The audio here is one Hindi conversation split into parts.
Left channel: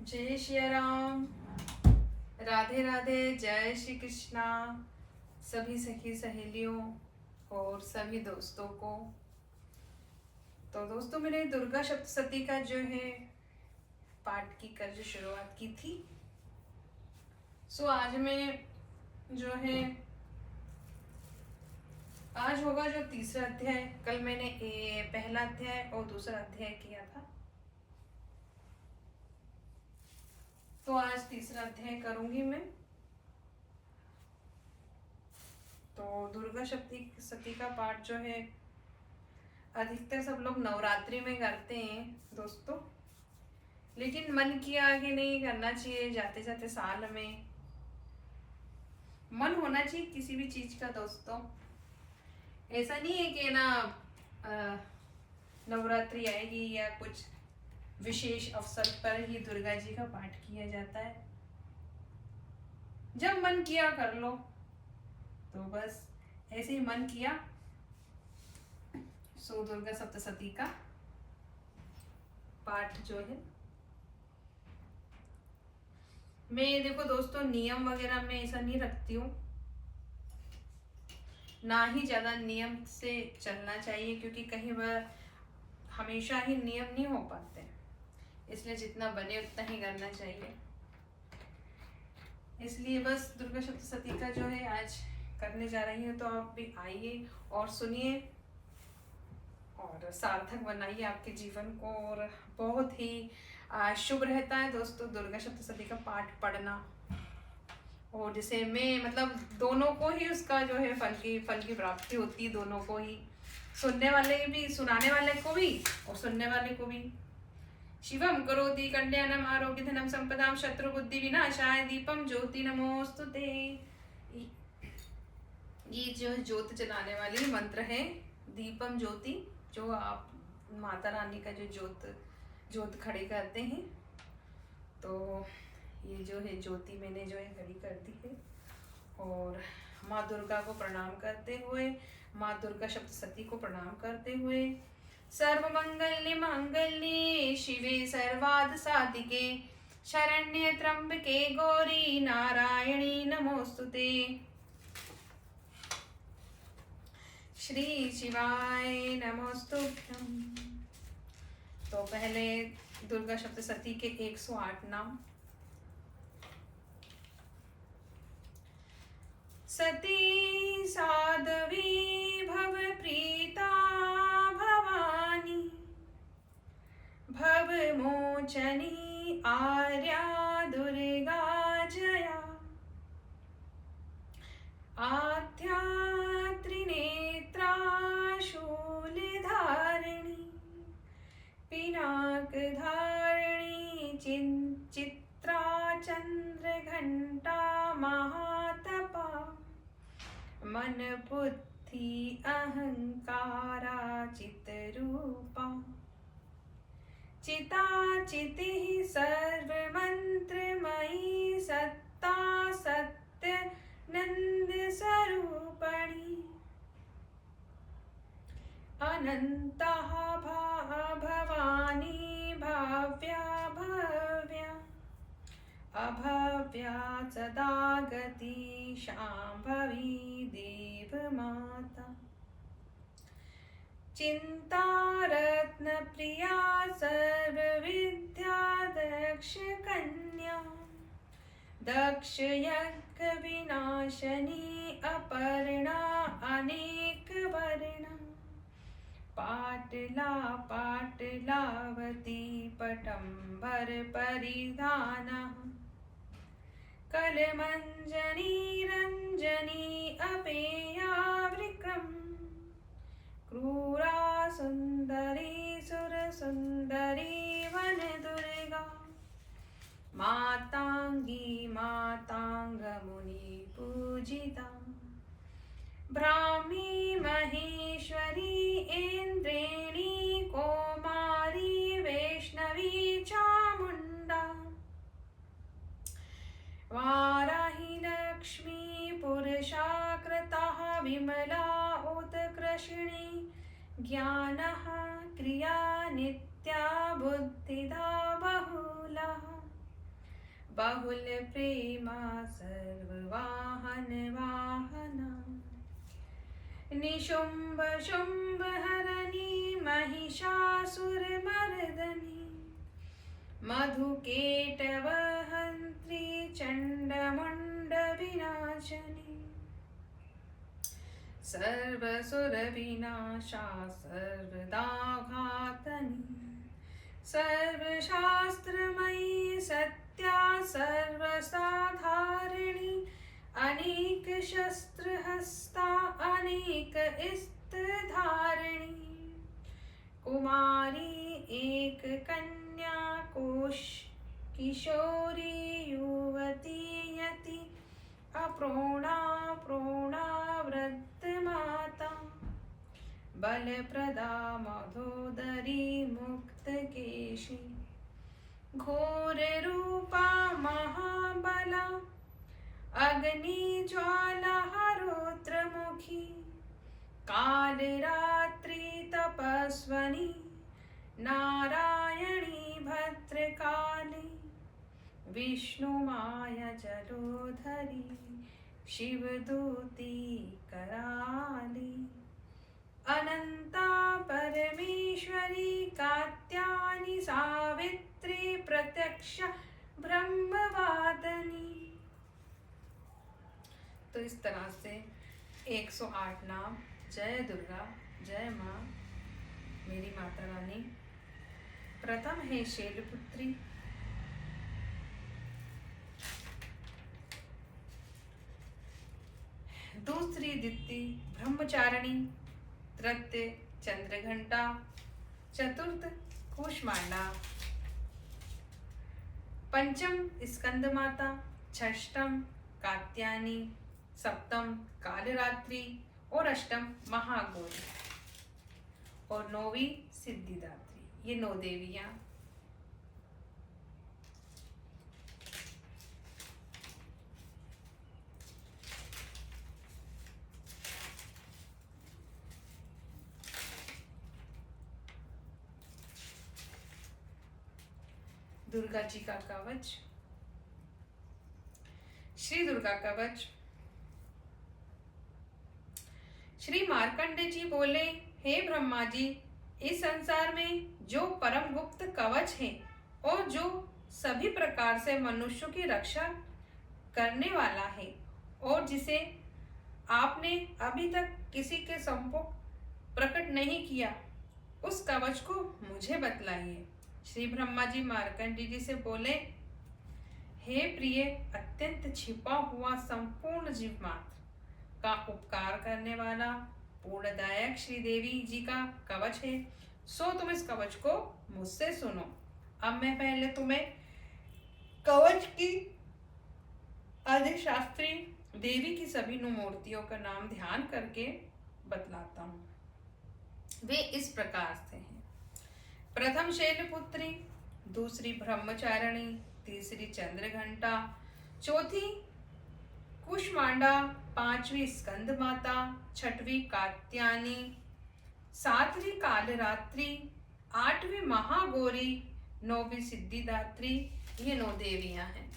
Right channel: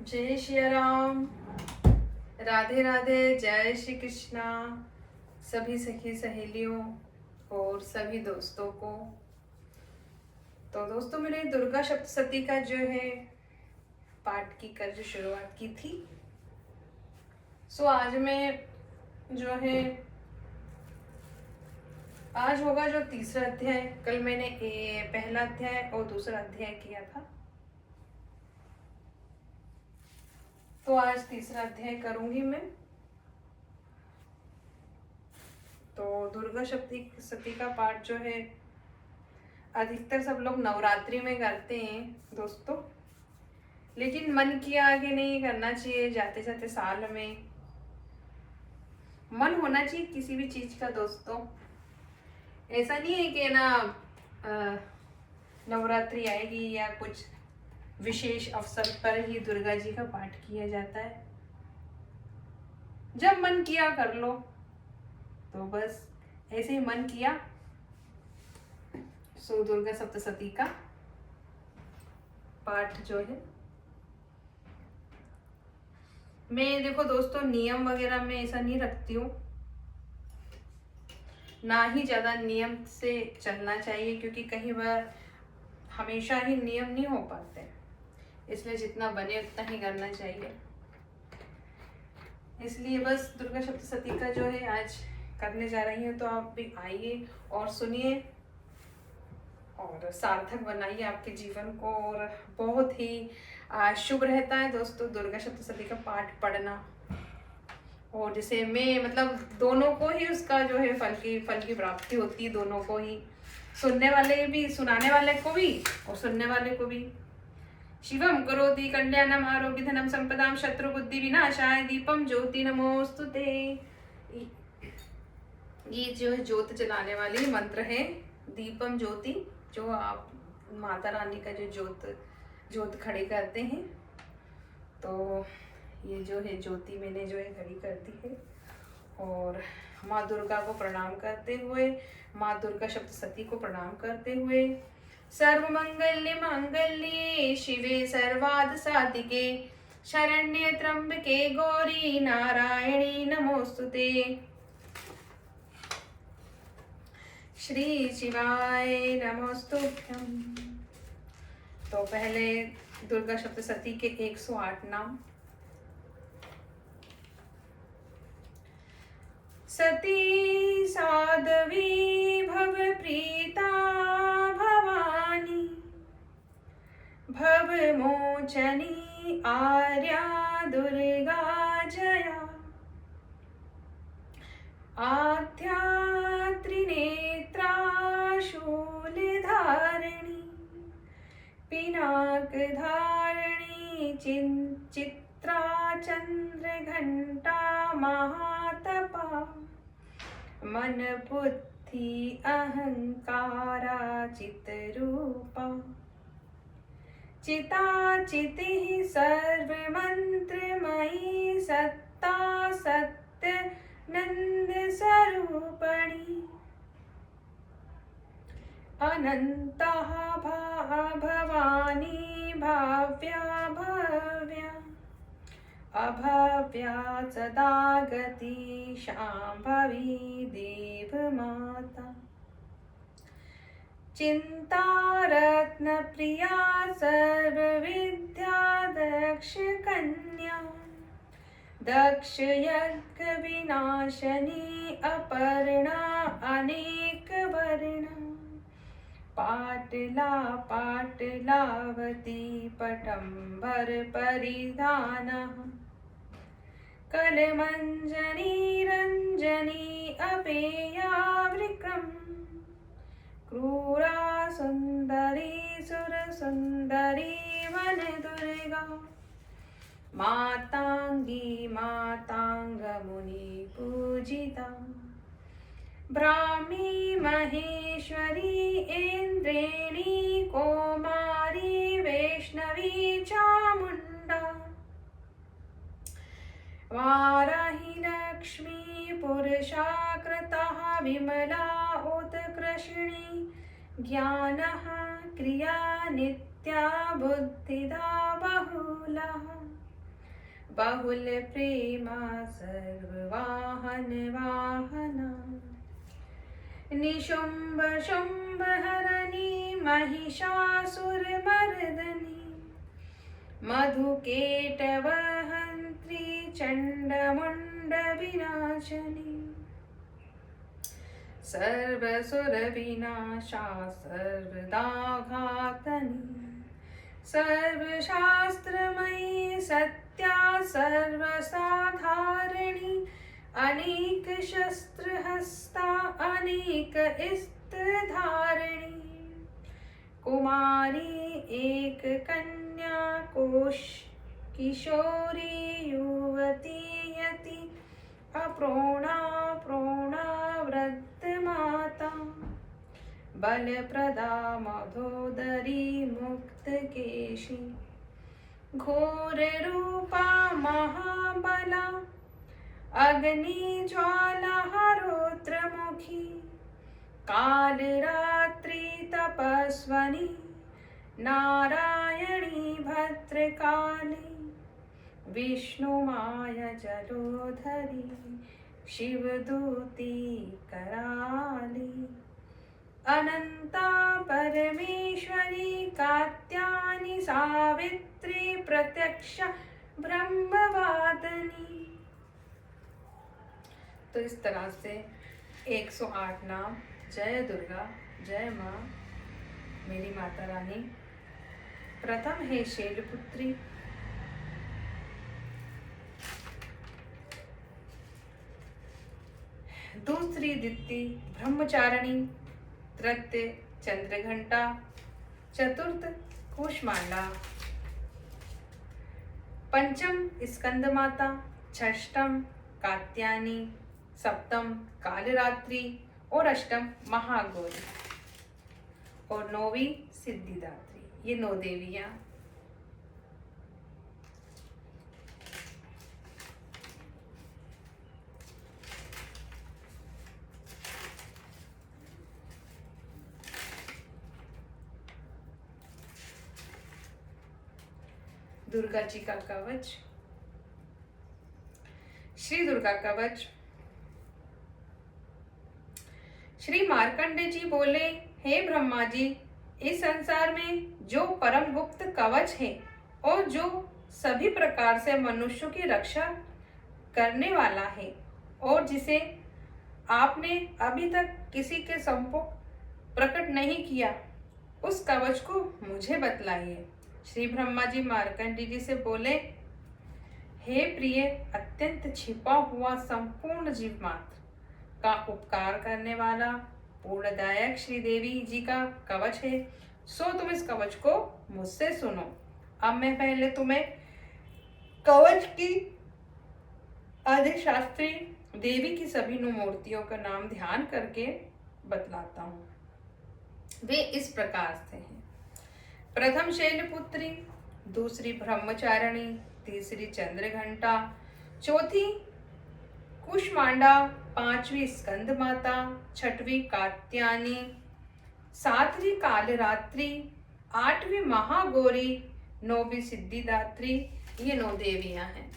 जय श्री राम। राधे राधे। जय श्री कृष्णा सभी सखी सहेलियों और सभी दोस्तों को। तो दोस्तों, मैंने दुर्गा सप्तशती का जो है पाठ की कल जो शुरुआत की थी, सो आज मैं जो है आज होगा जो तीसरा अध्याय। कल मैंने पहला अध्याय और दूसरा अध्याय किया था, तो आज तीसरा अध्याय करूंगी मैं। तो दुर्गा सप्तशती का पाठ जो है अधिकतर सब लोग नवरात्रि में करते हैं दोस्तों, लेकिन मन किया आगे नहीं करना चाहिए। जाते जाते साल में मन होना चाहिए किसी भी चीज का दोस्तों। ऐसा नहीं है कि ना नवरात्रि आएगी या कुछ विशेष अवसर पर ही दुर्गा जी का पाठ किया जाता है। जब मन किया कर लो, तो बस ऐसे ही मन किया सो दुर्गा सप्तशती का पाठ जो है मैं, देखो दोस्तों, नियम वगैरह में ऐसा नहीं रखती हूँ, ना ही ज्यादा नियम से चलना चाहिए, क्योंकि कई बार हमेशा ही नियम नहीं हो पाते, इसलिए जितना बने उतना ही करना चाहिए। इसलिए बस दुर्गा सप्तशती का जो है आज करने जा रही हूँ, तो आप भी आइए और सुनिए और सार्थक बनाइए आपके जीवन को। और बहुत ही शुभ रहता है दोस्तों दुर्गा सप्तशती का पाठ पढ़ना। और जैसे मैं मतलब दोनों को ही उसका जो है फल की प्राप्ति होती है, दोनों को ही, सुनने वाले भी, सुनाने वाले को भी और सुनने वाले को भी। शिवम करोति कल्याणम आरोग्य धनम संपदाम शत्रु बुद्धि विनाशाय दीपम ज्योति नमोस्तुते। ये जो ज्योत जलाने वाली मंत्र है, दीपम ज्योति, जो आप माता रानी का जो ज्योत खड़ी करते हैं, तो ये जो है ज्योति मैंने जो है खड़ी कर दी है। और माँ दुर्गा को प्रणाम करते हुए, माँ दुर्गा सप्तशती को प्रणाम करते हुए, सर्व मंगल्य मांगल्ये शिवे सर्वार्थ साधिके शरण्ये त्र्यंबके गौरी नारायणी नमोस्तुते। श्री शिवाय नमोस्तुभ्यं। तो पहले दुर्गा सप्तशती के 108 नाम। सती साध्वी भवप्रीता भवानी भवमोचनी आर्या दुर्गा जया आद्या त्रिनेत्रा शूलधारिणी पिनाकधारिणी चित्रा चंद्रघंटा महातपा मन बुद्धि अहंकारा चितरूपा चिता चितिः सर्वमंत्रमयी सत्ता सत्य नंद स्वरूपणी अनंता भवानी भाव्या भव्या अभव्या सदा गति शांभवी देव माता चिंता रत्न प्रिया सर्वविद्या दक्ष कन्या दक्ष यज्ञ विनाशनी अपर्णा अनेक वर्णा पाटला पाटलावती पटंबर परिधाना कलमंजनी रंजनी अपेया वृकम् क्रूरा सुंदरी सुर सुंदरी वन दुर्गा मातांगी मातांग मुनि पूजिता ब्राह्मी महेश्वरी इंद्रेणी कौमारी वैष्णवी चामुंडा वाराही लक्ष्मी पुरुषाकृतः विमला उत्कृष्णी ज्ञानः क्रिया नित्या बुद्धिदा बहुला बहुल प्रेमा सर्ववाहन वाहना निशुंभ शुंभ हरणी महिषासुरमर्दनी मधुकेटव हंत्री चंडमुंड विनाशनी सर्वसुर विनाशा सर्वदाघातनी सर्वशास्त्रमयी सत्या सर्वसाधारिणी अनेक शस्त्रहस्ता अनेक स्त्रधारिणी कुमारी एक कन्या कोश किशोरी युवती यति अप्रोणा प्रोणा वृद्ध माता बलप्रदा मधोदरी मुक्त केशी घोर रूपा महाबला अग्नि ज्वाला हरोत्रमुखी काल रात्रि तपस्वनी नारायणी भद्रकाली विष्णु माया जलोधरी शिवदूती कराली अनंता परमेश्वरी कात्यायनी सावित्री प्रत्यक्ष ब्रह्मवादिनी। तो इस तरह से 108 नाम जय दुर्गा जय माँ मेरी माता रानी। प्रथम है शैलपुत्री, दूसरी दित्ति ब्रह्मचारिणी, तृतीय चंद्रघंटा, चतुर्थ कूष्मांडा, पंचम स्कंद माता, षष्ठम कात्यायनी, सप्तम कालरात्रि और अष्टम महागौरी और नौवीं सिद्धिदात्री। ये 9 देवियां। दुर्गा जी का कवच। श्री दुर्गा कवच। श्री मार्कंडे जी बोले, हे ब्रह्मा जी, इस संसार में जो परम गुप्त कवच है और जो सभी प्रकार से मनुष्यों की रक्षा करने वाला है और जिसे आपने अभी तक किसी के सम्मुख प्रकट नहीं किया, उस कवच को मुझे बतलाइए। श्री ब्रह्मा जी मार्कंडे जी से बोले, हे प्रिय, अत्यंत छिपा हुआ संपूर्ण जीव मात्र का उपकार करने वाला पूर्णदायक श्री देवी जी का कवच है, सो तुम इस कवच को मुझसे सुनो। अब मैं पहले तुम्हें कवच की अधिशास्त्री देवी की सभी 9 मूर्तियों का नाम ध्यान करके बतलाता हूँ। वे इस प्रकार से हैं। प्रथम शैलपुत्री, दूसरी ब्रह्मचारिणी, तीसरी चंद्रघंटा, चौथी कूष्मांडा, पांचवी स्कंद माता, छठवीं कात्यायनी, सातवीं कालरात्रि, आठवीं महागौरी, नौवीं सिद्धिदात्री। ये 9 देवियां हैं।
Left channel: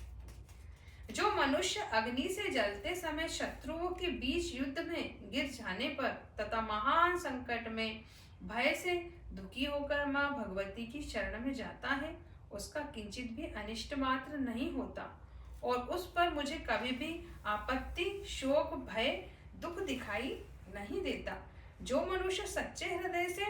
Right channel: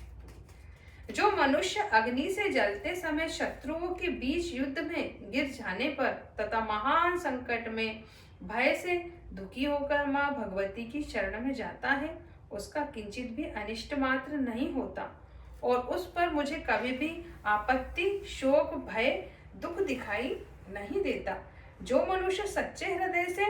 जो मनुष्य अग्नि से जलते समय शत्रुओं के बीच युद्ध में गिर जाने पर तथा महान संकट में भय से दुखी होकर मां भगवती की शरण में जाता है, उसका किंचित भी अनिष्ट मात्र नहीं होता और उस पर मुझे कभी भी आपत्ति, शोक, भय, दुख दिखाई नहीं देता। जो मनुष्य सच्चे हृदय से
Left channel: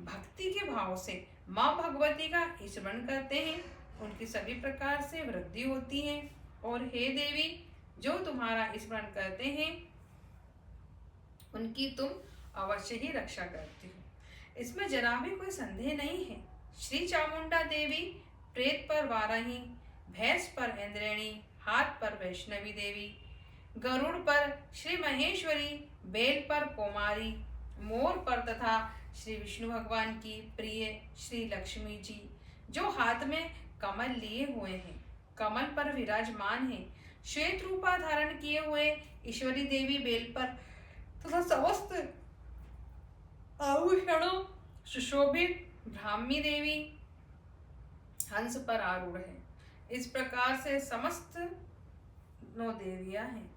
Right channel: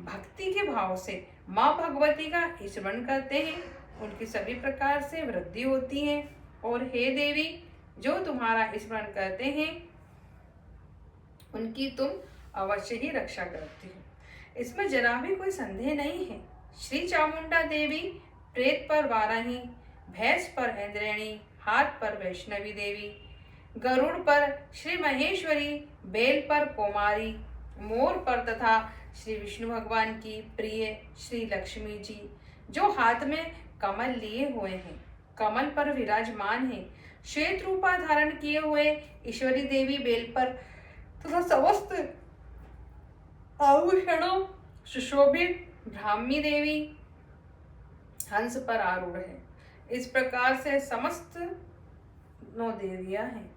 भक्ति के भाव से मां भगवती का स्मरण करते हैं, उनकी सभी प्रकार से वृद्धि होती है। और हे देवी, जो तुम्हारा स्मरण करते हैं, उनकी तुम अवश्य ही रक्षा करती हो, इसमें जरा भी कोई संदेह नहीं है। श्री चामुंडा देवी प्रेत पर वाराही, भैंस पर इंद्रेणी, हाथ पर वैष्णवी देवी, गरुड़ पर श्री महेश्वरी, बेल पर कुमारी, मोर पर तथा श्री विष्णु भगवान की प्रिय श्री लक्ष्मी जी, जो हाथ में कमल लिए हुए हैं, कमल पर विराजमान है, श्वेत रूपा धारण किए हुए ईश्वरी देवी बेल पर तथा समस्त आभूषणों सुशोभित ब्राह्मी देवी हंस पर आरूढ़ है। इस प्रकार से समस्त 9 देवियां हैं।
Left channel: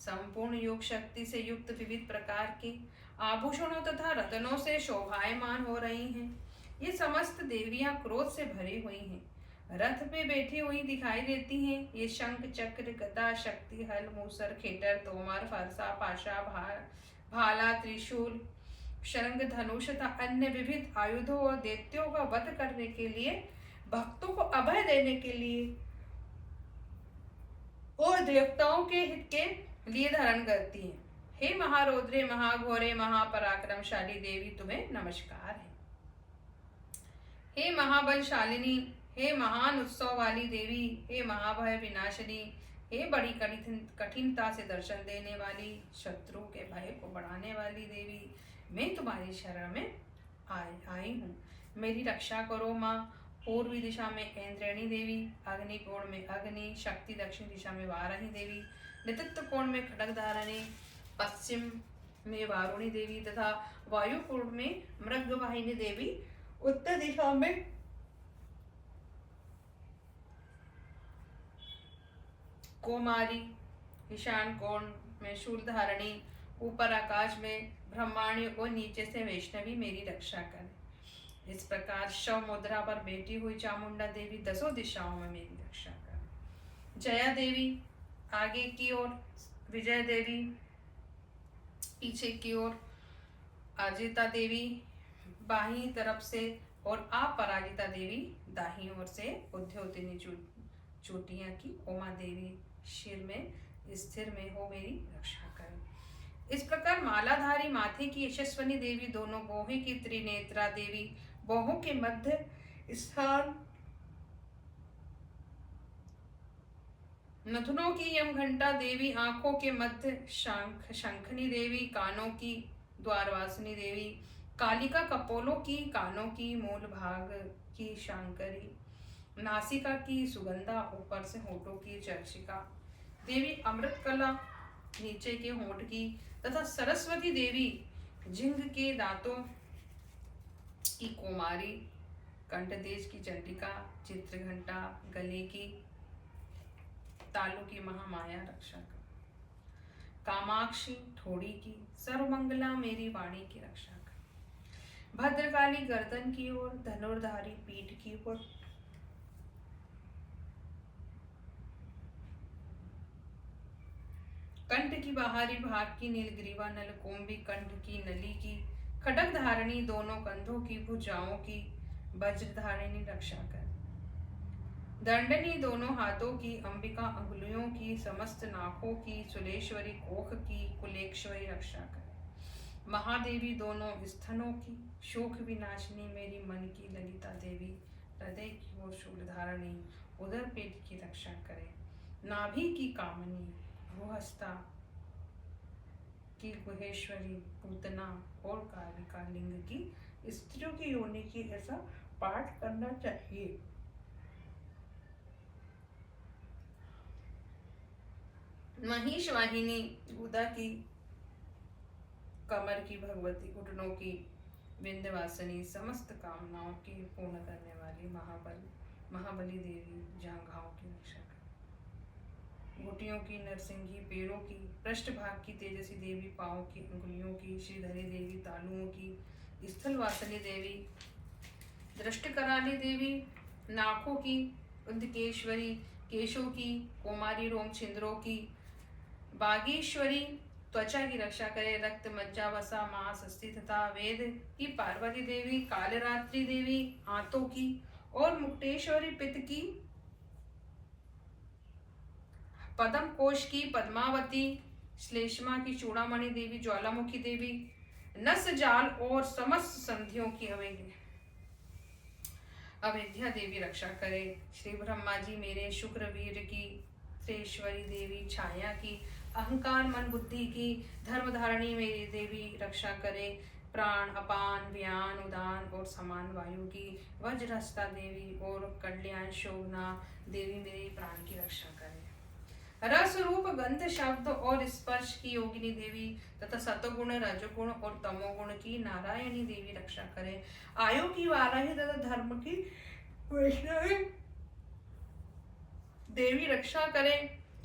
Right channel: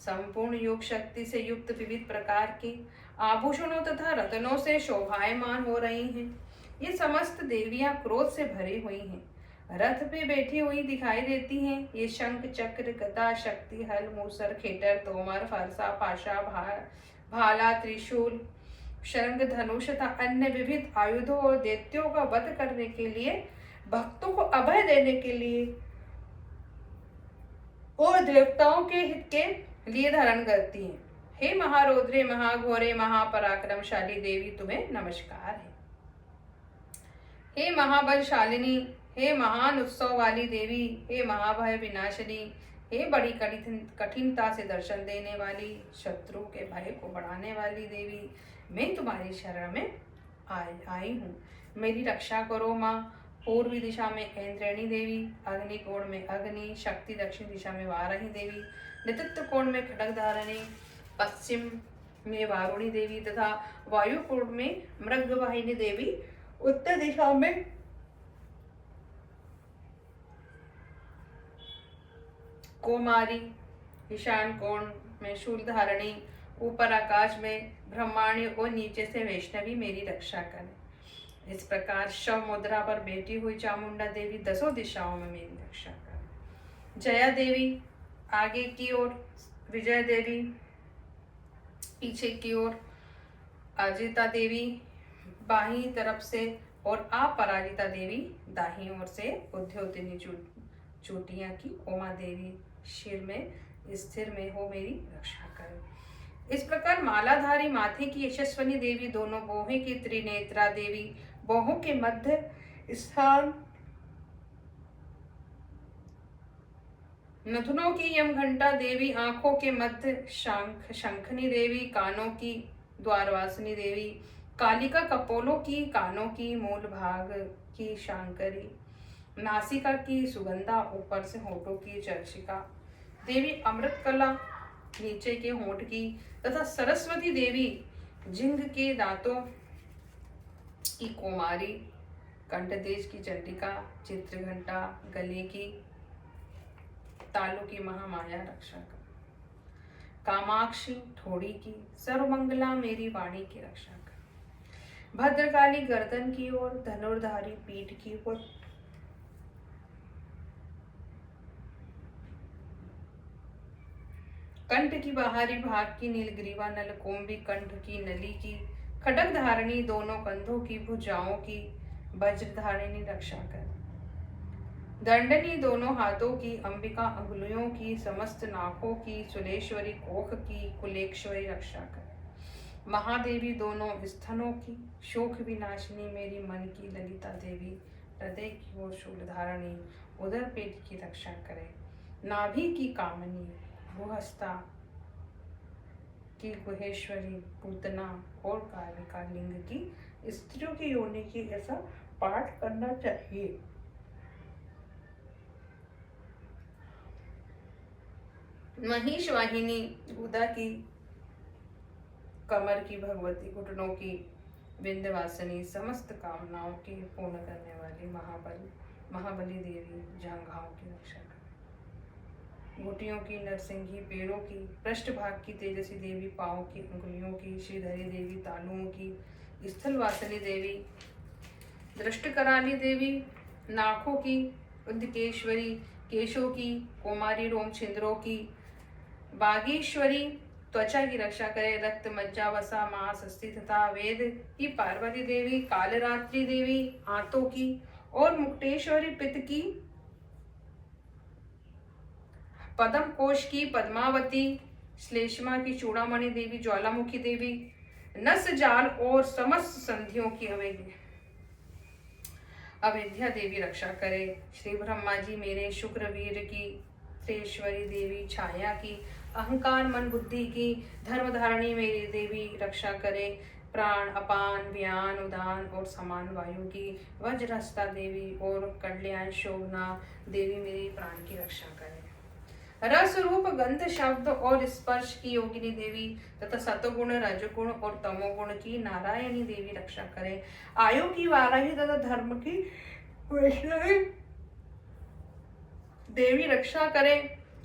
संपूर्ण योग शक्ति से युक्त विविध प्रकार के आभूषणों तथा रत्नों से शोभायमान हो रही हैं। ये समस्त देवियां क्रोध से भरी हुई हैं, रथ पे बैठी हुई दिखाई देती हैं। ये शंख चक्र गदा शक्ति हल मूसर खेटर तोमर फरसा पाशा भाला त्रिशूल शंख धनुष तथा अन्य विविध आयुधों और दैत्यों का वध करने के लिए, भक्तों को अभय देने के लिए और देवताओं के हित के लिए धारण करती हैं। हे महारौद्रे महाघोरे महापराक्रमशाली देवी, तुम्हें नमस्कार है। हे महाबलशालिनी, हे महान उत्सव वाली देवी, हे महाभय विनाशिनी, हे बड़ी कठिनता से दर्शन देने वाली, शत्रु के भय को बढ़ाने वाली देवी, मैं तुम्हारी शरण में आई हूँ। मेरी रक्षा करो माँ। पूर्वी दिशा में ऐन्द्रणी देवी, अग्नि कोण में अग्नि शक्ति, दक्षिण दिशा में वाराही देवी, नेतृत्व कोण में खड्गधारिणी, पश्चिम में वारुणी देवी तथा वायु कोण में मृगवाहिनी देवी, उत्तर दिशा में कुमारी, ईशान कोण में शूलधारिणी, ऊपर आकाश में ब्रह्माणी और नीचे से वैष्णवी मेरी रक्षा करें। इस प्रकार शव मुद्रा पर बैठी हुई चामुंडा देवी 10 दिशाओं में मेरी रक्षा करें। जया देवी आगे की ओर, विजय देवी पीछे की ओर, अजिता देवी बाहीं तरफ से और अपराजिता देवी दाहिनी ओर से, उद्योतिनी चोटियां की उमा देवी शिर में स्थिर में हो मेरी रक्षा करें। इस प्रकार मालाधारी माथे की यशस्वनी देवी, दोनों बोहे की त्रिनेत्रा देवी, बोहों के मध्य स्थान नथुनों की यमघंटा देवी, आंखों के मध्य शंखनी देवी, कानों की द्वारवासिनी देवी, कालिका कपोलों की, कानों की मूल भाग की शांकरी, नासिका की सुगंधा, ऊपर से होठों की चर्चिका देवी, अमृत कला नीचे के होठ की तथा सरस्वती देवी, जिंग के दांतों की कुमारी, कंठदेश की चंडिका, चित्रघंटा गले की, तालु की महामाया रक्षा कर। कामाक्षी ठोड़ी की, सर्वमंगला मेरी वाणी की रक्षा कर। भद्रकाली गर्दन की ओर, धनुर्धारी पीठ की ओर, कंठ की बाहरी भाग की, नीलग्रीवा नलकोम्बी कंठ की नली की, खड्ग धारिणी दोनों कंधों की, भुजाओं की, वज्रधारिणी रक्षा कर। दंडनी दोनों हाथों की, अंबिका अंगुलियों की, समस्त नाकों की, सुलेश्वरी कोख की, कुलेश्वरी रक्षा कर। महादेवी दोनों स्तनों की, शोक विनाशिनी मेरी मन की ललिता देवी, हृदय की ओर शूलधारिणी, उदर पेट की रक्षा करे। नाभि की कामनी, भूहस्ता की गुहेश्वरी, पूतना और कालिका लिंग की, स्त्रियों की योनि की, ऐसा पाठ करना चाहिए। महिष वाहिनी, गुदा की, कमर की भगवती, घुटनों की विंध्यवासिनी, समस्त कामनाओं की पूर्ण करने वाली महाबली देवी, जंघाओं की रक्षा कर। घुटियों की नरसिंही, पेड़ों की, पृष्ठभाग की तेजसी देवी, पांव की अंगुलियों की, श्रीधरी देवी, तालुओं की, स्थलवासिनी देवी, दृष्टकराली देवी, नाकों की, उद्केश्वरी, केशों की, कुमारी रोम छिंद्रों की, बागेश्वरी, त्वचा की रक्षा करे। रक्त मज्जा वसा मांस अस्थि तथा वेद की पार्वती देवी, कालरात्रि देवी, आंतों की और मुक्तेश्वरी, पित्त की, पद्म कोश की, पद्मावती, श्लेष्मा की, चूड़ामणि देवी, ज्वालामुखी देवी, नस जाल और समस्त संधियों की अवेद्या देवी रक्षा करे। श्री ब्रह्मा जी मेरे, शुक्रवीर की, त्रेश्वरी देवी, छाया की, अहंकार मन बुद्धि की, धर्मधारिणी मेरी देवी रक्षा करे। प्राण अपान व्यान उदान और समान वायु की, वज्रहस्ता देवी और कल्याण शोभना देवी मेरी प्राण की रक्षा करे। रस रूप गंध शब्द और स्पर्श की योगिनी देवी तथा सतगुण रजगुण और तमोगुण की नारायणी देवी रक्षा करे। आयु की वाराही तथा धर्म की वैष्णवी देवी रक्षा करे।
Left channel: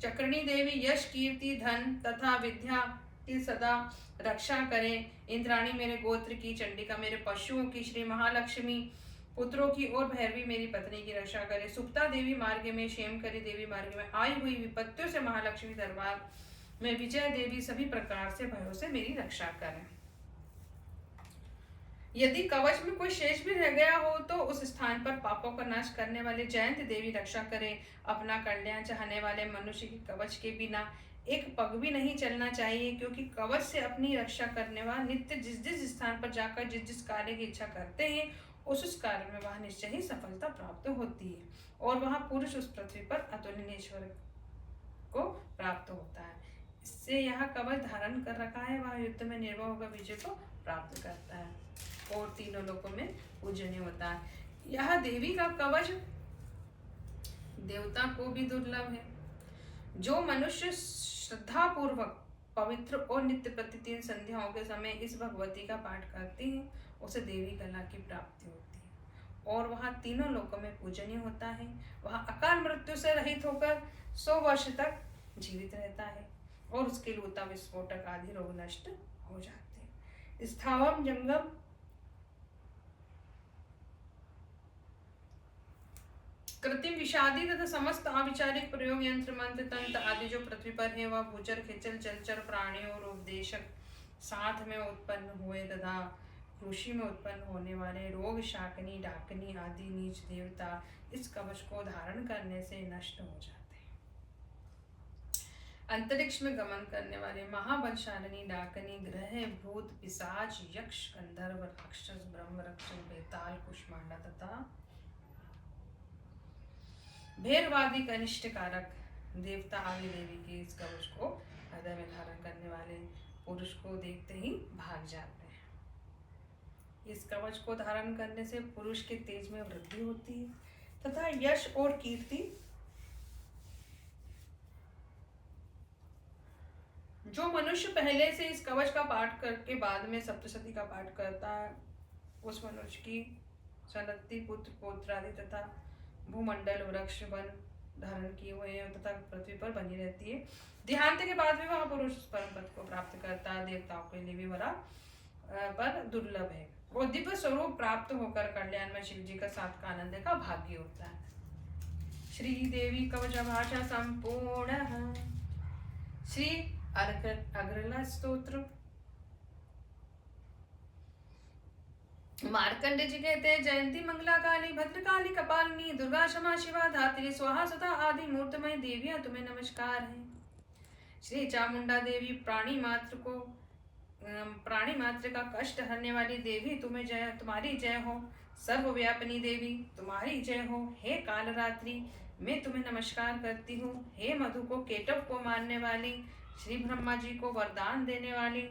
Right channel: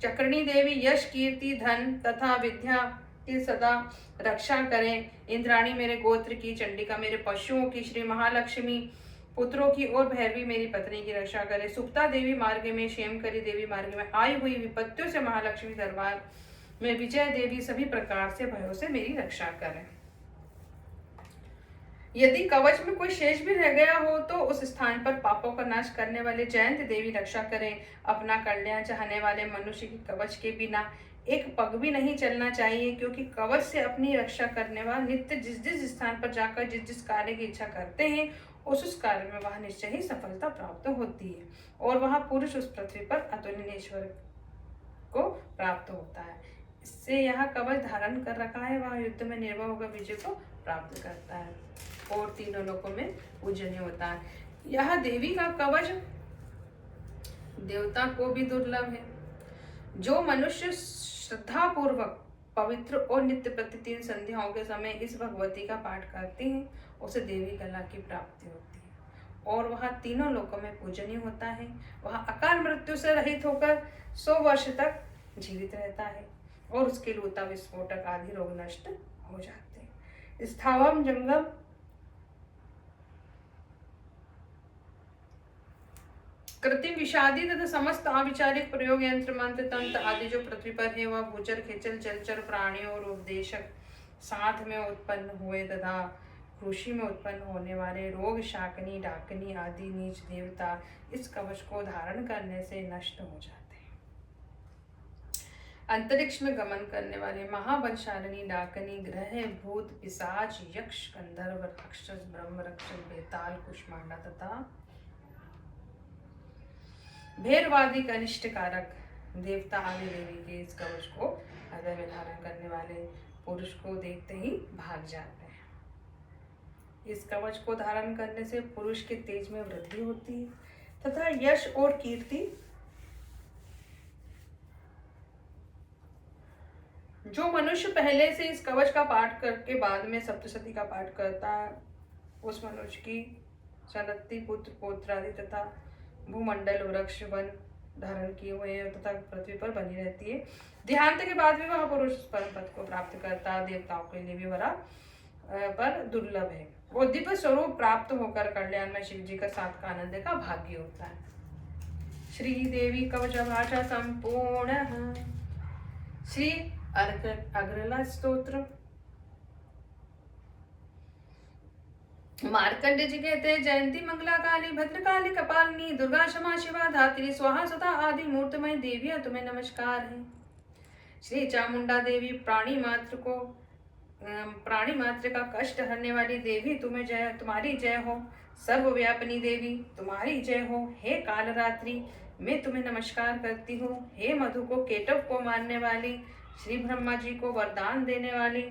चक्रणी देवी यश कीर्ति धन तथा विद्या की सदा रक्षा करें। इंद्राणी मेरे गोत्र की, चंडिका मेरे पशुओं की, श्री महालक्ष्मी पुत्रों की और भैरवी मेरी पत्नी की रक्षा करे। सुप्ता देवी मार्ग में, क्षेमकरी देवी मार्ग में आई हुई विपत्तियों से, महालक्ष्मी दरबार में विजय देवी सभी प्रकार से भयों से मेरी रक्षा करें। यदि कवच में कोई शेष भी रह गया हो तो उस स्थान पर पापों का नाश करने वाले जयंत देवी रक्षा करें। अपना कल्याण चाहने वाले मनुष्य की कवच के बिना एक पग भी नहीं चलना चाहिए, क्योंकि कवच से अपनी रक्षा करने वाले नित्य जिस जिस स्थान पर जाकर जिस जिस कार्य की इच्छा करते हैं उस कार्य में वह निश्चय ही सफलता प्राप्त होती है और वह पुरुष उस पृथ्वी पर अतुलनीय ईश्वर को प्राप्त होता है। इससे यह कवच धारण कर रखा है, वह युद्ध में निर्भय होकर विजय को प्राप्त करता है और तीनों लोकों में पूजनीय होता है। यह देवी का कवच देवता को भी दुर्लभ है। जो मनुष्य श्रद्धा पूर्वक पवित्र और नित्य प्रतिदिन संध्याओं के समय इस भगवती का पाठ करते हैं उसे देवी कला की प्राप्ति होती है और वह तीनों लोकों में पूजनीय होता है। वह अकाल मृत्यु से रहित होकर 100 वर्ष तक जीवित रहता है और उसके लूता विस्फोटक आदि रोग नष्ट हो जाते हैं। स्थावम जंगम कृत्रिम विषादी तथा समस्त अविचारिक प्रयोग यंत्र मंत्र तंत्र आदि जो पृथ्वी पर है वह भूचर खिचल जलचर प्राणियों और उपदेशक साथ में उत्पन्न हुए तथा कृषि में उत्पन्न होने वाले रोग शाकनी डाकनी आदि नीच देवता इस कवच को धारण करने से नष्ट हो जाते हैं। अंतरिक्ष में गमन करने वाले महाबलशालिनी डाकनी ग्रह भूत पिशाच यक्ष गंधर्व राक्षस ब्रह्म रक्षक बेताल कुष्मांडा तथा भेरवादी कनिष्ठ कारक देवता आदि देवी के इस कवच को हृदय में धारण करने वाले पुरुष को देखते ही भाग जाते हैं। इस कवच को धारण करने से पुरुष के तेज में वृद्धि होती है तथा यश और कीर्ति जो मनुष्य पहले से इस कवच का पाठ करके बाद में सप्तशती का पाठ करता है उस मनुष्य की सनत्ती पुत्र पौत्रादि तथा भूमंडल वृक्ष वन धारण किए हुए तथा पृथ्वी पर बनी रहती है। देहांत के बाद भी वह पुरुष परम पद को प्राप्त करता है। देवताओं के लिए भी बड़ा पर दुर्लभ है। वो दिव्य स्वरूप प्राप्त होकर कल्याण में शिव जी का साथ का आनंद का भाग्य होता है। श्री देवी कवच भाषा संपूर्ण श्री अग्रला स्तोत्र। मार्कंडे जी कहते हैं जयंती मंगला काली भद्रकाली कपालिनी दुर्गा क्षमा शिवा धात्री स्वाहा सुधा आदि मूर्तिमय देवियां तुम्हें नमस्कार है। श्री चामुंडा देवी प्राणी मात्र का कष्ट हरने वाली देवी तुम्हें जय, तुम्हारी जय हो। सर्वव्यापिनी देवी तुम्हारी जय हो। हे कालरात्रि मैं तुम्हें नमस्कार करती हूँ। हे मधु को केटव को मारने वाली श्री ब्रह्मा जी को वरदान देने वाली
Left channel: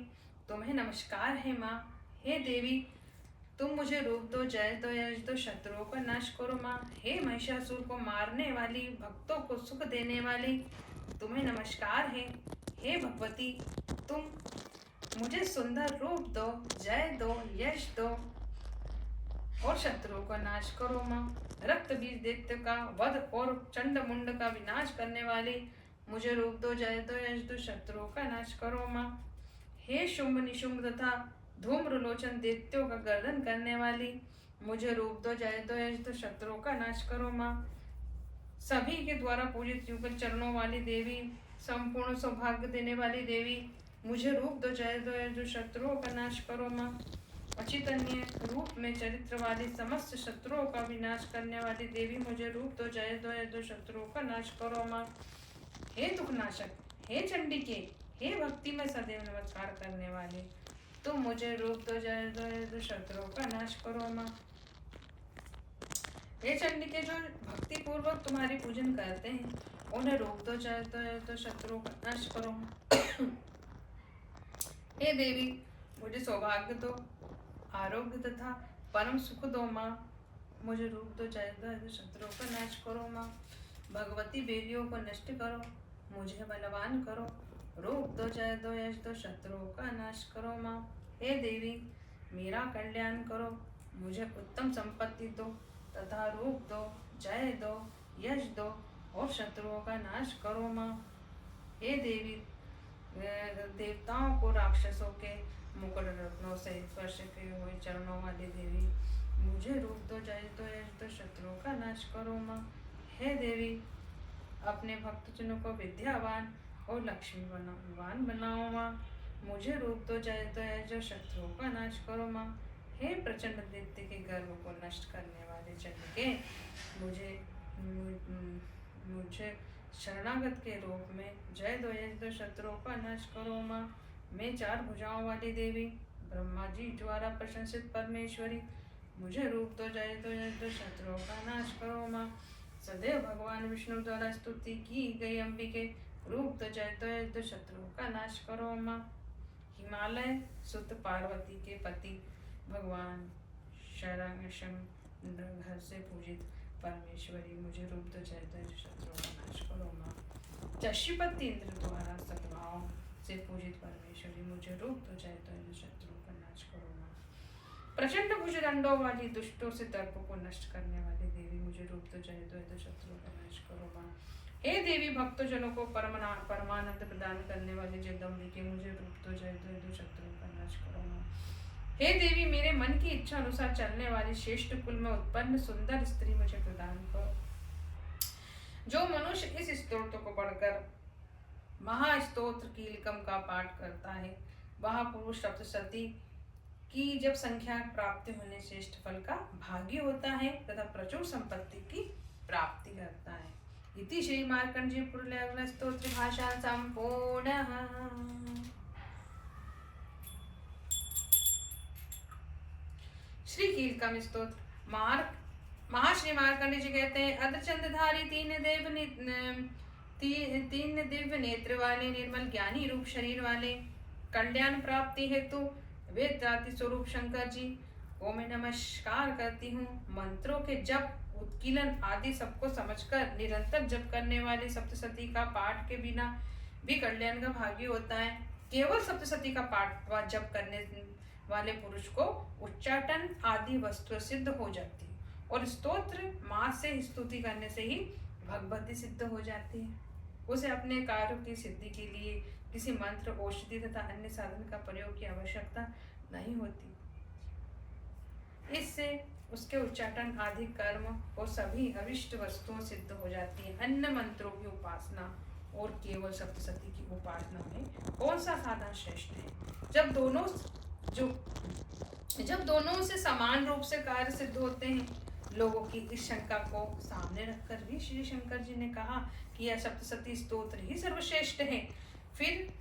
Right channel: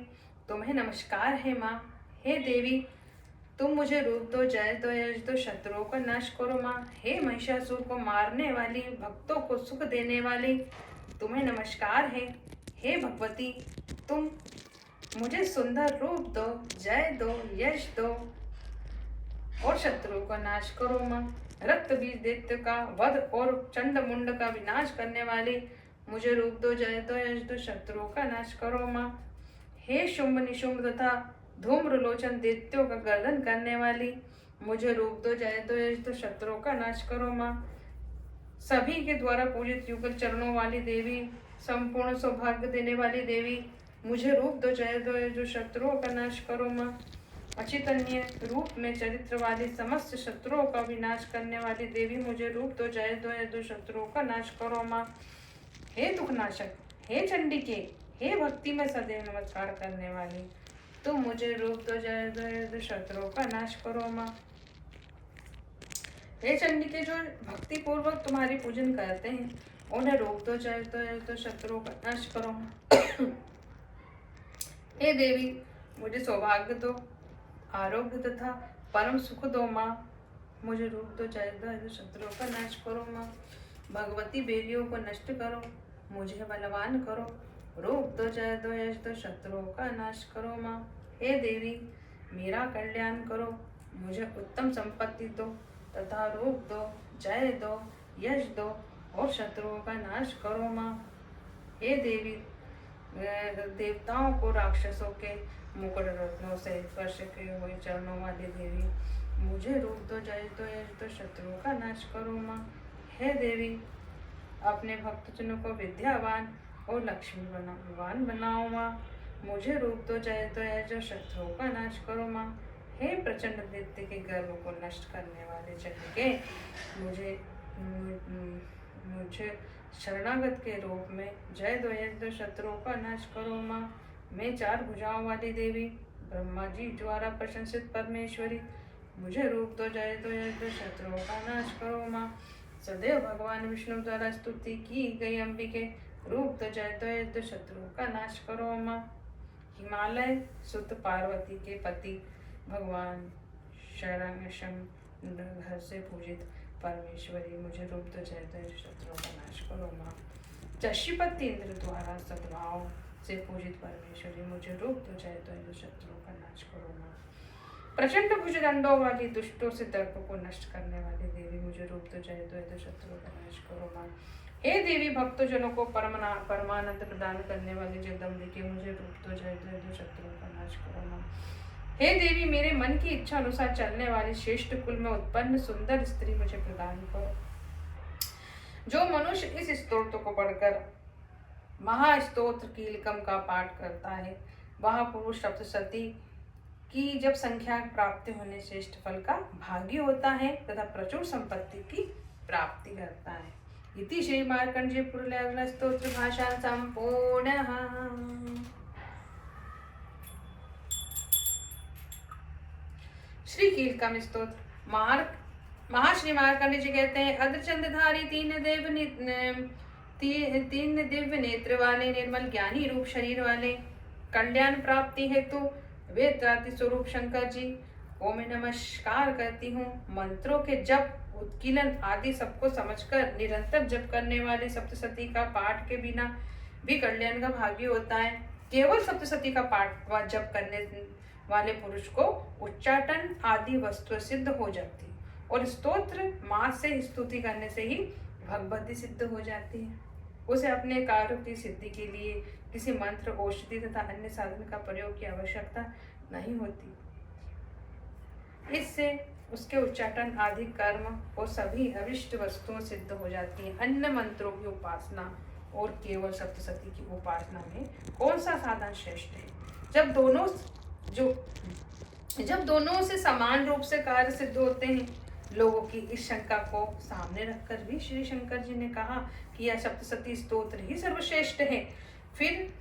तुम्हें नमस्कार है माँ। हे देवी तुम मुझे रूप दो, जय दो, यश दो, शत्रुओं का नाश करो माँ। हे महिषासुर को मारने वाली भक्तों को सुख देने वाली तुम्हें नमस्कार है। हे भगवती तुम मुझे सुंदर रूप दो, जय दो, यश दो और शत्रुओं का नाश करो माँ। रक्त बीज दैत्य का वध और चंड मुंड का विनाश करने वाली मुझे रूप दो, जय दो, यश दो, शत्रुओं का नाश करो माँ। हे शुंभ निशुंभ तथा धूम्रलोचन दैत्यों का गर्दन करने वाली मुझे रूप दो, जय दो, यश दो, शत्रुओं का नाश करो माँ। सभी के द्वारा पूजित युगल चरणों वाली देवी संपूर्ण सौभाग्य देने वाली देवी मुझे रूप दो, जय दो, यश दो, शत्रुओं का नाश करो माँ। अचितन्य रूप में चरित्र वाली समस्त शत्रुओं का विनाश करने वाली देवी मुझे रूप दो, जय दो, यश दो, शत्रुओं का नाश करो माँ। हे दुखनाशक, हे चंडिके, हे भक्ति में सदैव नमस्कार करने वाली तुम मुझे रूप दो, जय दो, यश दो, शत्रुओं का नाश करो माँ। हे चंडिके जो भक्ति पूर्वक तुम्हारी पूजन करते हैं उन्हें रूप दो, जय दो, यश दो, शत्रुओं का नाश करो माँ। हे देवी मुझे सौभाग्य दो, आरोग्य तथा परम सुख दो माँ। मुझे रूप दो, जय दो, यश दो, शत्रुओं का नाश करो माँ। भगवती बेलियों को नष्ट करो, मुझे बलवान करो, रूप दो, जय दो, यश दो, शत्रुओं का नाश करो माँ। हे देवी मेरा कल्याण करो, मुझे उत्तम संपत्ति दो तथा रूप दो, जय दो, यश दो और शत्रुओं का नाश करो माँ। हे देवी, देवताओं को राक्षसों के मुकुट रत्नों से स्पर्श किए हुए चरणों वाली देवी, मुझे रूप दो, जय दो, यश दो, शत्रुओं का नाश करो माँ। हे देवी, अपने भक्तजनों को विद्यावान और लक्ष्मीवान बनाओ माँ। मुझे रूप दो, जय दो, यश दो, शत्रुओं का नाश करो माँ। हे प्रचंड दैत्य के गर्व को नष्ट करने वाले चंडिके, मुझे शरणागत के रूप में जय दो, यश दो, शत्रुओं का नाश करो माँ। मैं 4 भुजाओं वाली देवी, ब्रह्मा जी द्वारा प्रशंसित परमेश्वरी, मुझे रूप दो, जय दो, यश दो, शत्रुओं का नाश करो माँ। सदैव भगवान विष्णु द्वारा स्तुति की गई अंबिके, रूप दो, जय दो, यश दो, शत्रुओं का नाश करो माँ। हिमालय सुत पार्वती के पति भगवान घर से पूजित परमेश्वरी, मुझे रूप दो, जय दो, शत्रुओं का नाश करो माँ। चशीपति इंद्र द्वारा सद्भाव से पूजित परमेश्वरी, मुझे रूप दो, जय दो, शत्रुओं का नाश करो माँ। प्रचंड भुजदंडों वाली दुष्टों से दर्प को नष्ट करने वाली देवी, मुझे रूप दो, जय दो, शत्रुओं का नाश करो माँ। हे देवी, भक्तजनों को परमानंद प्रदान करने वाली जगदम्बिके, मुझे रूप दो, जय दो, शत्रुओं का नाश करो माँ। हे देवी, मेरे मन की इच्छा अनुसार चलने वाली श्रेष्ठ कुल में उत्पन्न सुंदर स्त्री मुझे प्रदान करो। जो मनुष्य इस स्तोत्र को पढ़कर महास्तोत्र कीलकम का पाठ करता है, वह पुरुष सप्तशती की जब संख्या प्राप्ति होने श्रेष्ठ फल का भागी होता है तथा प्रचुर संपत्ति की प्राप्ति करता है। इति श्री मार्कंडेय पुरुष स्तोत्र भाषा संपूर्ण। श्री कीलकम स्तोत्र। महर्षि मार्कंडेय जी कहते हैं, अर्धचंद्रधारी तीन दिव्य नेत्र वाले, निर्मल ज्ञानी रूप शरीर वाले, कल्याण प्राप्ति हेतु वेदांति स्वरूप शंकर जी को मैं नमस्कार करती हूँ। मंत्रों के जप, उत्कीलन आदि सबको समझकर निरंतर जप करने वाले सप्तशती का पाठ के बिना भी कल्याण का भागी होता है। केवल सप्तशती का पाठ व जप करने वाले पुरुष को उच्चाटन आदि वस्तु सिद्ध हो जाती और स्तोत्र माँ से स्तुति करने से ही भगवती सिद्ध हो जाती है। उसे अपने कार्य की सिद्धि के लिए किसी मंत्र, औषधि तथा अन्य साधन का प्रयोग की आवश्यकता नहीं होती। इससे उसके उच्चाटन आदि कर्म और सभी अविष्ट वस्तुओं सिद्ध हो जाती है। अन्य मंत्रों की उपासना और केवल सप्तशती की उपासना में कौन सा साधन श्रेष्ठ है? जब दोनों से समान रूप से कार्य सिद्ध होते हैं। लोगों की इस शंका को सामने रखकर भी श्री शंकर जी ने कहा कि यह सप्तशती स्तोत्र ही सर्वश्रेष्ठ है। फिर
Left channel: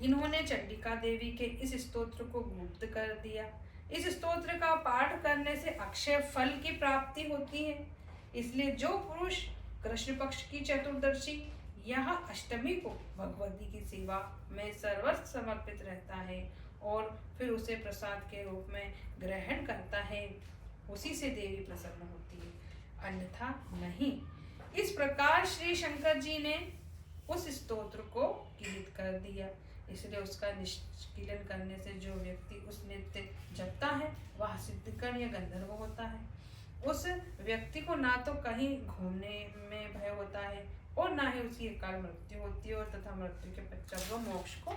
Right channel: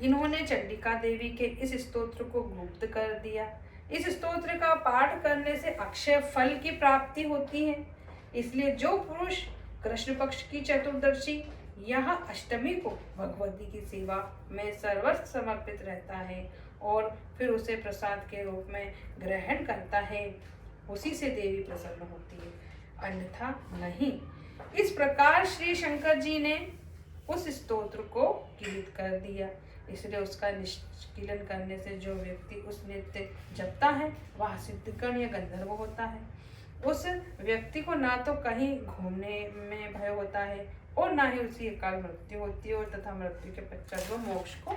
इन्होंने चंडिका देवी के इस स्तोत्र को गुप्त कर दिया। इस स्तोत्र का पाठ करने से अक्षय फल की प्राप्ति होती है। इसलिए जो पुरुष कृष्ण पक्ष की चतुर्दशी यह अष्टमी को भगवती की सेवा में सर्वस्व समर्पित रहता है और फिर उसे प्रसाद के रूप में ग्रहण करता है, उसी से देवी प्रसन्न होती है, अन्यथा नहीं। इस प्रकार श्री शंकर जी ने उस स्तोत्र को कीलित कर दिया। इसलिए उसका निष्कीलन करने से जो व्यक्ति उस नित्य जपता है वह सिद्धगण या गंधर्व होता है। उस व्यक्ति को ना तो कहीं घूमने में भय होता है और ना ही उसी अकाल मृत्यु होती है और तथा मृत्यु के पश्चात वो मोक्ष को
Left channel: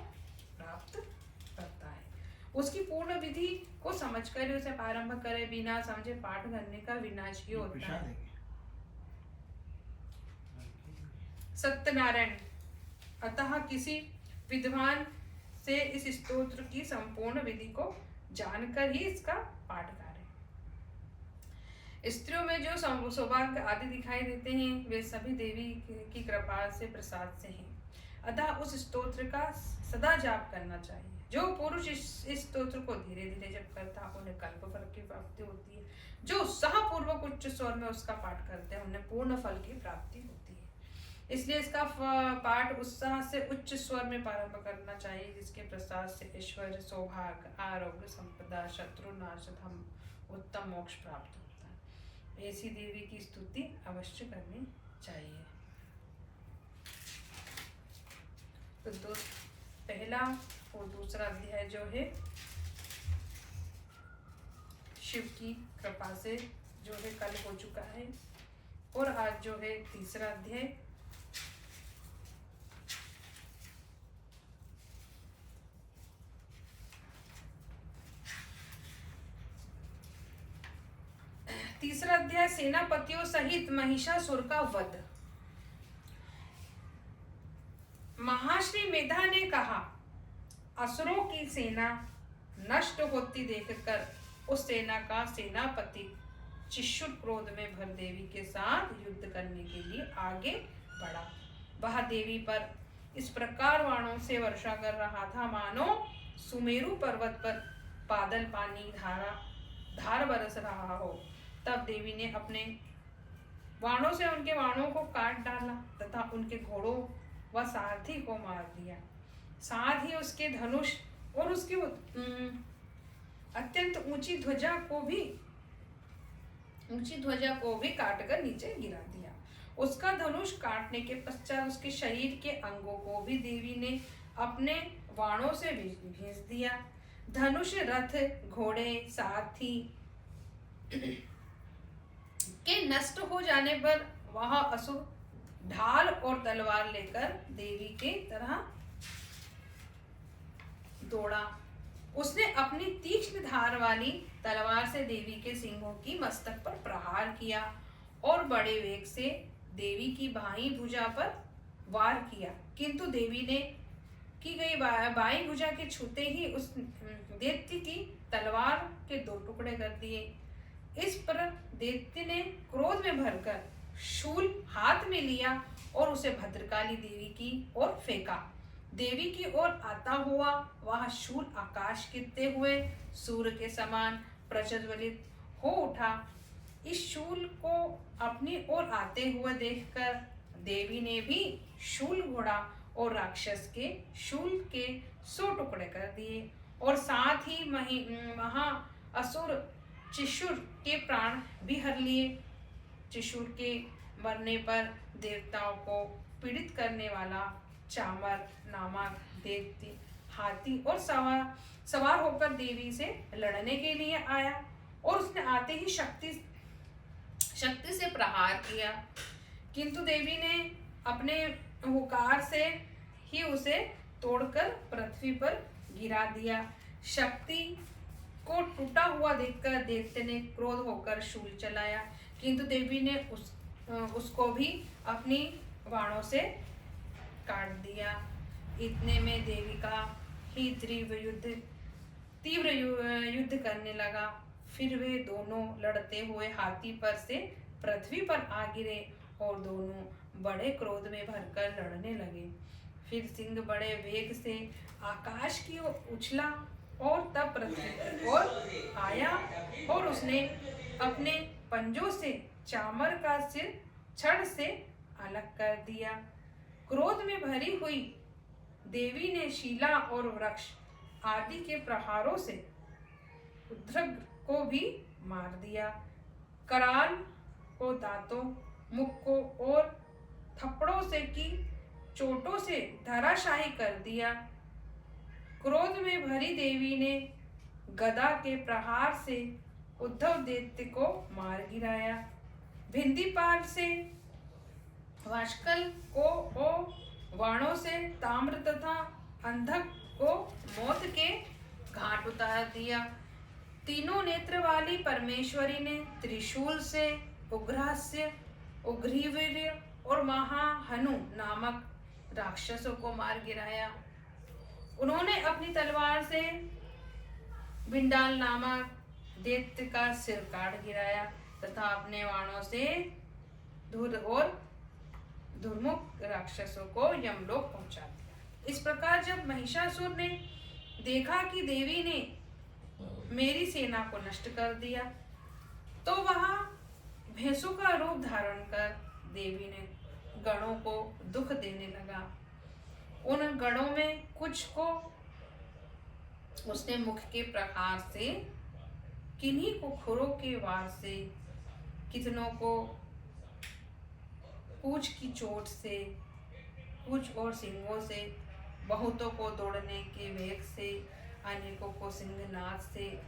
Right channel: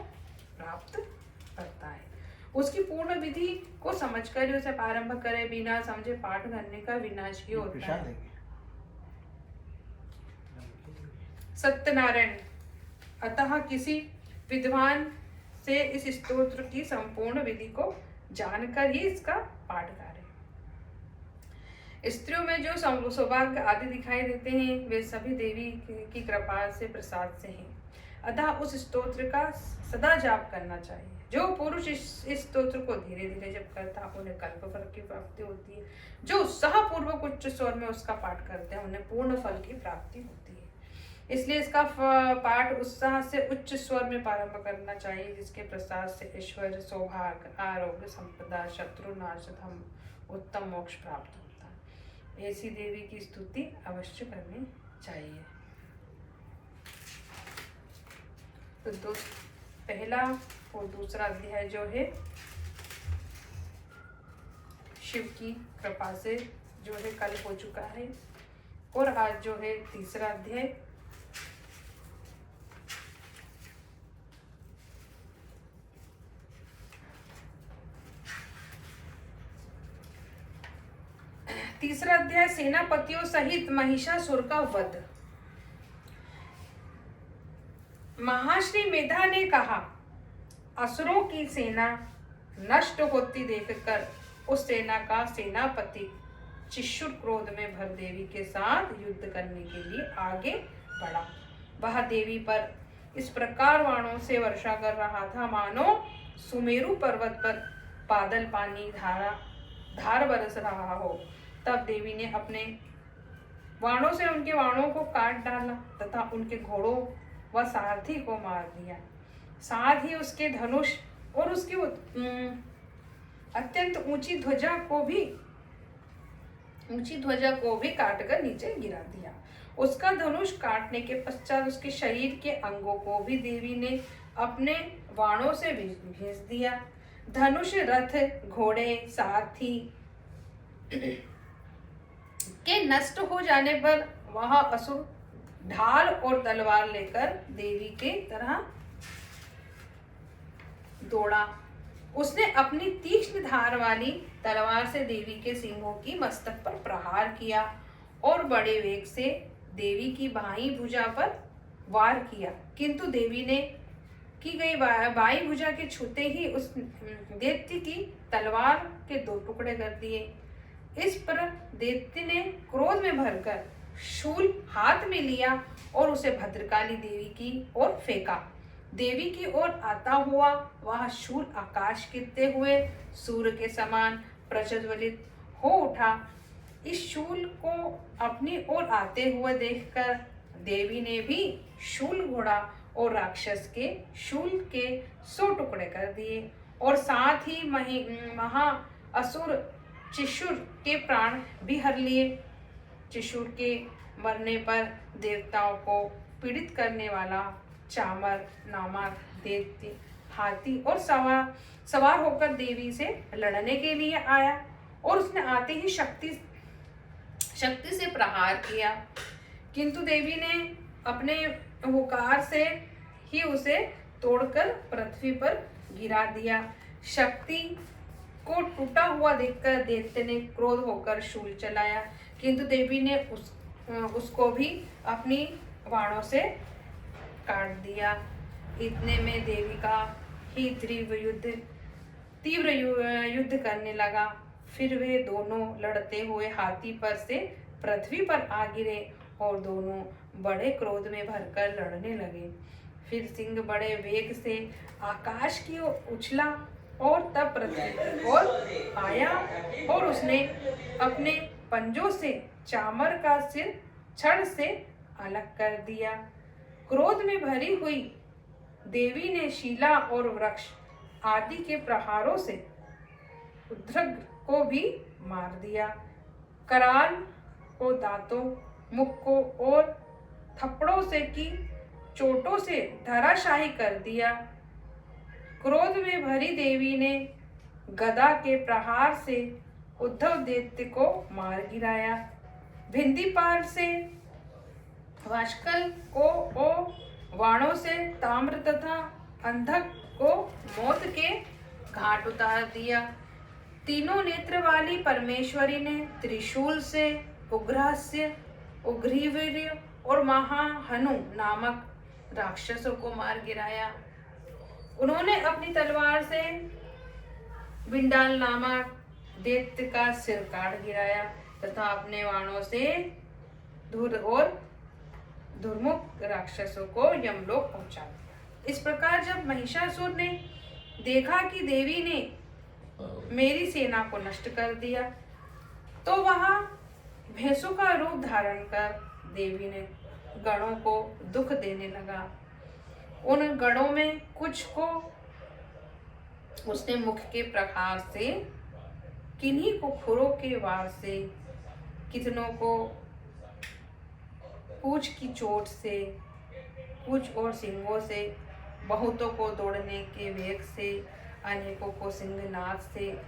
प्राप्त करता है। उसकी पूर्ण विधि को समझकर ही उसे प्रारंभ करे, बिना समझे पाठ करने का विनाश ही होता है। सत्यनारायण। अतः किसी विद्वान से इस स्तोत्र की संपूर्ण विधि को जानकर ही इसका पाठ करें। स्त्रियों में जो सौभाग्य आदि दिखाई देते हैं वे सभी देवी की कृपा से प्रसाद से हैं। अतः उस स्तोत्र का सदा जाप करना चाहिए। जो पुरुष इस स्तोत्र को धीरे धीरे जप करता है उन्हें कल्प फल की प्राप्ति होती है। जो उत्साह पूर्वक उच्च स्वर में उसका पाठ करते हैं उन्हें पूर्ण फल की प्राप्ति होती है। इसलिए इसका पाठ उत्साह से उच्च स्वर में प्रारंभ करना चाहिए, जिसके प्रसाद से ऐश्वर्य, सौभाग्य, आरोग्य, संपदा, शत्रु नाश, धर्म, उत्तम मोक्ष प्राप्त होता है। ऐसी देवी की स्तुति अवश्य करनी चाहिए। तो पहला और दूसरा अध्याय जो है शिव की कृपा से जो है कल हो चुका है। और आज जो है तीसरा अध्याय। तीसरा अध्याय सेनापतियों सहित महिषासुर का वध। महाश्री मेधा ने कहा, असुरों की सेना नष्ट होती देखकर उस सेना का सेनापति चिशुर क्रोध में भर देवी के साथ युद्ध करने के लिए आगे बढ़ा। वह देवी पर इस प्रकार बाणों से वर्षा कर रहा था मानो सुमेरु पर्वत पर बादल पानी धार बरस रहा हो। तब देवी ने अपने बाणों से उनके बाणों को काट डाला तथा उनके घोड़ों व सारथी को मार दिया। साथ ही उसके धनुष और उसकी अत्यंत ऊंची ध्वजा को भी काटकर नीचे गिरा दिया। उसका धनुष काटने के पश्चात उसके शरीर के अंगों को भी देवी ने अपने बाणों से भेज दिया। धनुष, रथ, घोड़े, सारथी के नष्ट हो जाने पर वह असुर ढाल और तलवार लेकर देवी के तरह दौड़ा। उसने अपनी तीक्ष्ण धार वाली तलवार से देवी के सिंहों की मस्तक पर प्रहार किया और बड़े वेग से देवी की बाईं भुजा पर वार किया, किंतु देवी ने की गई बाईं भुजा के छूते ही उस दैत्य की तलवार के 2 टुकड़े कर दिए। इस पर दैत्य ने क्रोध में भरकर शूल हाथ में लिया और उसे भद्रकाली देवी की ओर फेंका। देवी की ओर आता हुआ वह शूल आकाश गिरते हुए सूर्य के समान प्रज्वलित हो उठा। इस शूल को अपनी ओर आते हुए देखकर देवी ने भी शूल घोड़ा और राक्षस के शूल के 100 टुकड़े कर दिए और साथ ही महा असुर चिशुर के प्राण भी हर लिए। चिशुर के मरने पर देवताओं को पीड़ित करने वाला चामर नामक दैत्य हाथी और सवार होकर देवी से लड़ने के लिए आया और उसने आते ही शक्ति से प्रहार किया, किंतु देवी ने अपने हुंकार से ही उसे तोड़कर पृथ्वी पर गिरा दिया। शक्ति को टूटा हुआ देखकर दैत्य ने क्रोध होकर शूल चलाया, किंतु देवी ने उसको भी अपनी बाणों से काट दिया। इतने में देवी का ही तीव्र युद्ध करने लगा। फिर वे दोनों लड़ते हुए हाथी पर से पृथ्वी पर आ गिरे और दोनों बड़े क्रोध में भरकर लड़ने लगे। फिर सिंह बड़े वेग से आकाश की ओर उछला और तब पृथ्वी की ओर आया और उसने अपने पंजों से चामर का सिर छड़ से अलग कर दिया। क्रोध में भरी हुई देवी ने शीला और वृक्ष आदि के प्रहारों से उद्रग को भी मार दिया। कराल को दांतों, मुख को और थप्पड़ों से की चोटों से धराशायी कर दिया। क्रोध में भरी देवी ने गदा के प्रहार से उद्धव दैत्य को मार गिराया। भिंदीपाल से वाष्कल को वाणों से ताम्र तथा अंधक को मौत के घाट उतार दिया। तीनों नेत्र वाली परमेश्वरी ने त्रिशूल से उग्रास्य, उग्रीवीर्य और महाहनु नामक राक्षसों को मार गिराया। उन्होंने अपनी तलवार से बिंडाल नामक दैत्य का सिर काट गिराया तथा अपने बाणों से धुर और दुर्मुख राक्षसों को यमलोक पहुंचा दिया। इस प्रकार जब महिषासुर ने देखा कि देवी ने मेरी सेना को नष्ट कर दिया, तो वह भैंसों का रूप धारण कर देवी ने गणों को दुख देने लगा। उन गणों में कुछ को उसने मुख के प्रहार से, किन्हीं को खुरों के वार से, कितनों को पूंछ की चोट से, पूंछ और सिंगों से, बहुतों को दौड़ने के वेग से, अनेकों को सिंहनाद से,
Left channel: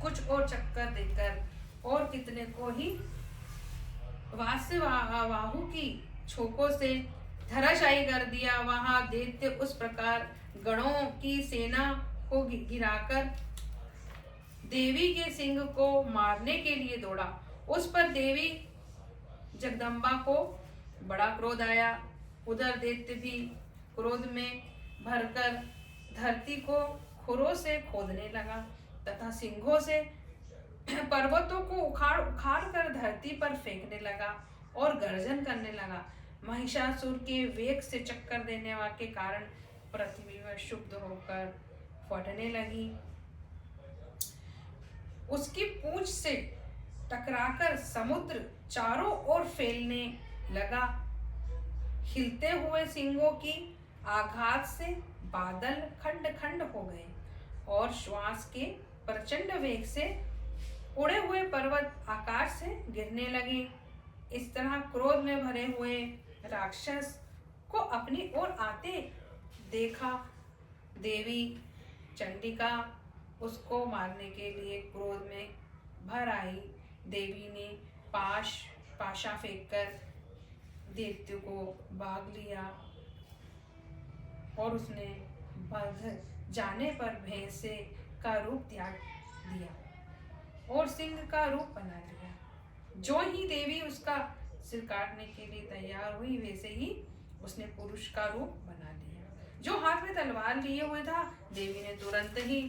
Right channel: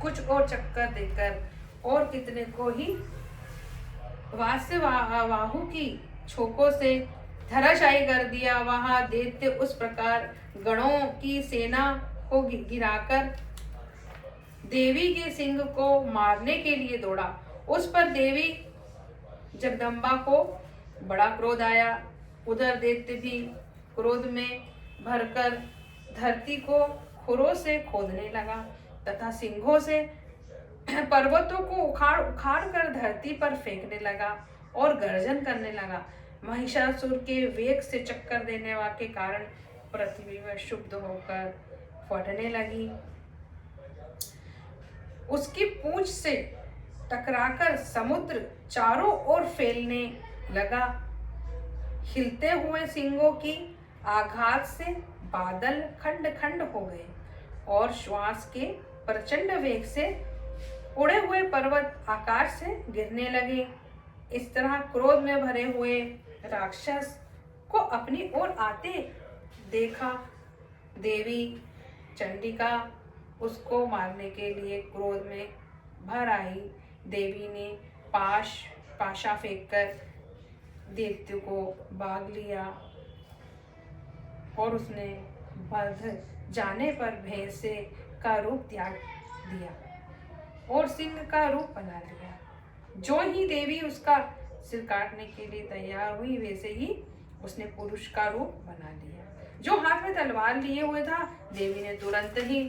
कुछ और चक्कर देकर और कितने को ही वाहु की छोकों से धराशायी कर दिया। वहां दैत्य उस प्रकार गणों की सेना को गिराकर देवी के सिंह को मारने के लिए दौड़ा। उस पर देवी जगदम्बा को बड़ा क्रोध आया। उधर दैत्य भी क्रोध में भरकर धरती को खुरों से खोदने लगा तथा सिंहों से पर्वतों को उखाड़ उखाड़ कर धरती पर फेंकने लगा और गर्जन करने लगा। महिषासुर के वेग से चक्कर देने के कारण पृथ्वी में क्षुब्ध होकर फटने लगी। उसकी पूंछ से टकराकर समुद्र चारों ओर फैलने लगा। हिलते हुए सिंगों की आघात से बादल खंड खंड हो गए और श्वास के प्रचंड वेग से उड़े हुए पर्वत आकाश से गिरने लगे। इस तरह क्रोध में भरे हुए राक्षस को अपनी ओर आते देखा। देवी चंडिका उसको मारने के लिए क्रोध में भर आई। देवी ने पाशा फेंककर दैत्य को भाग लिया और उसने बढ़ जाने पर भैंसे का रूप त्याग दिया और सिंह का रूप बना लिया। जो ही देवी उसका सिर काटने के लिए तैयार हुई वैसे ही उसने पुरुष का रूप बना लिया। जो हाथ में तलवार लिए हुए था, देवी ने तुरंत ही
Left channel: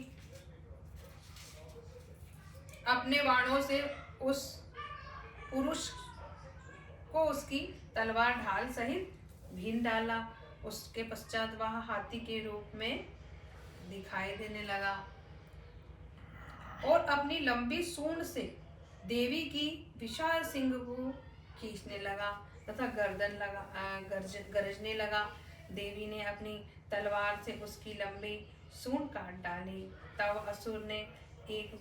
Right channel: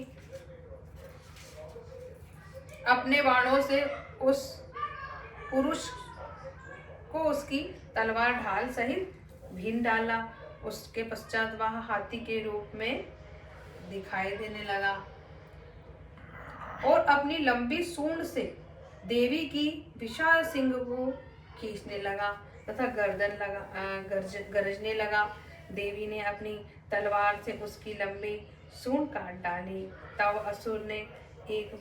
अपने बाणों से उस पुरुष को उसकी तलवार ढाल सहित भीन डाला। उसके पश्चात वह हाथी के रूप में दिखाई देने लगा और अपनी लंबी सूंड से देवी की विशाल सिंह को खींचने लगा तथा गर्दन गरजने लगा। देवी ने अपनी तलवार से उसकी लंबी सूंड काट डाली। तब असुर ने एक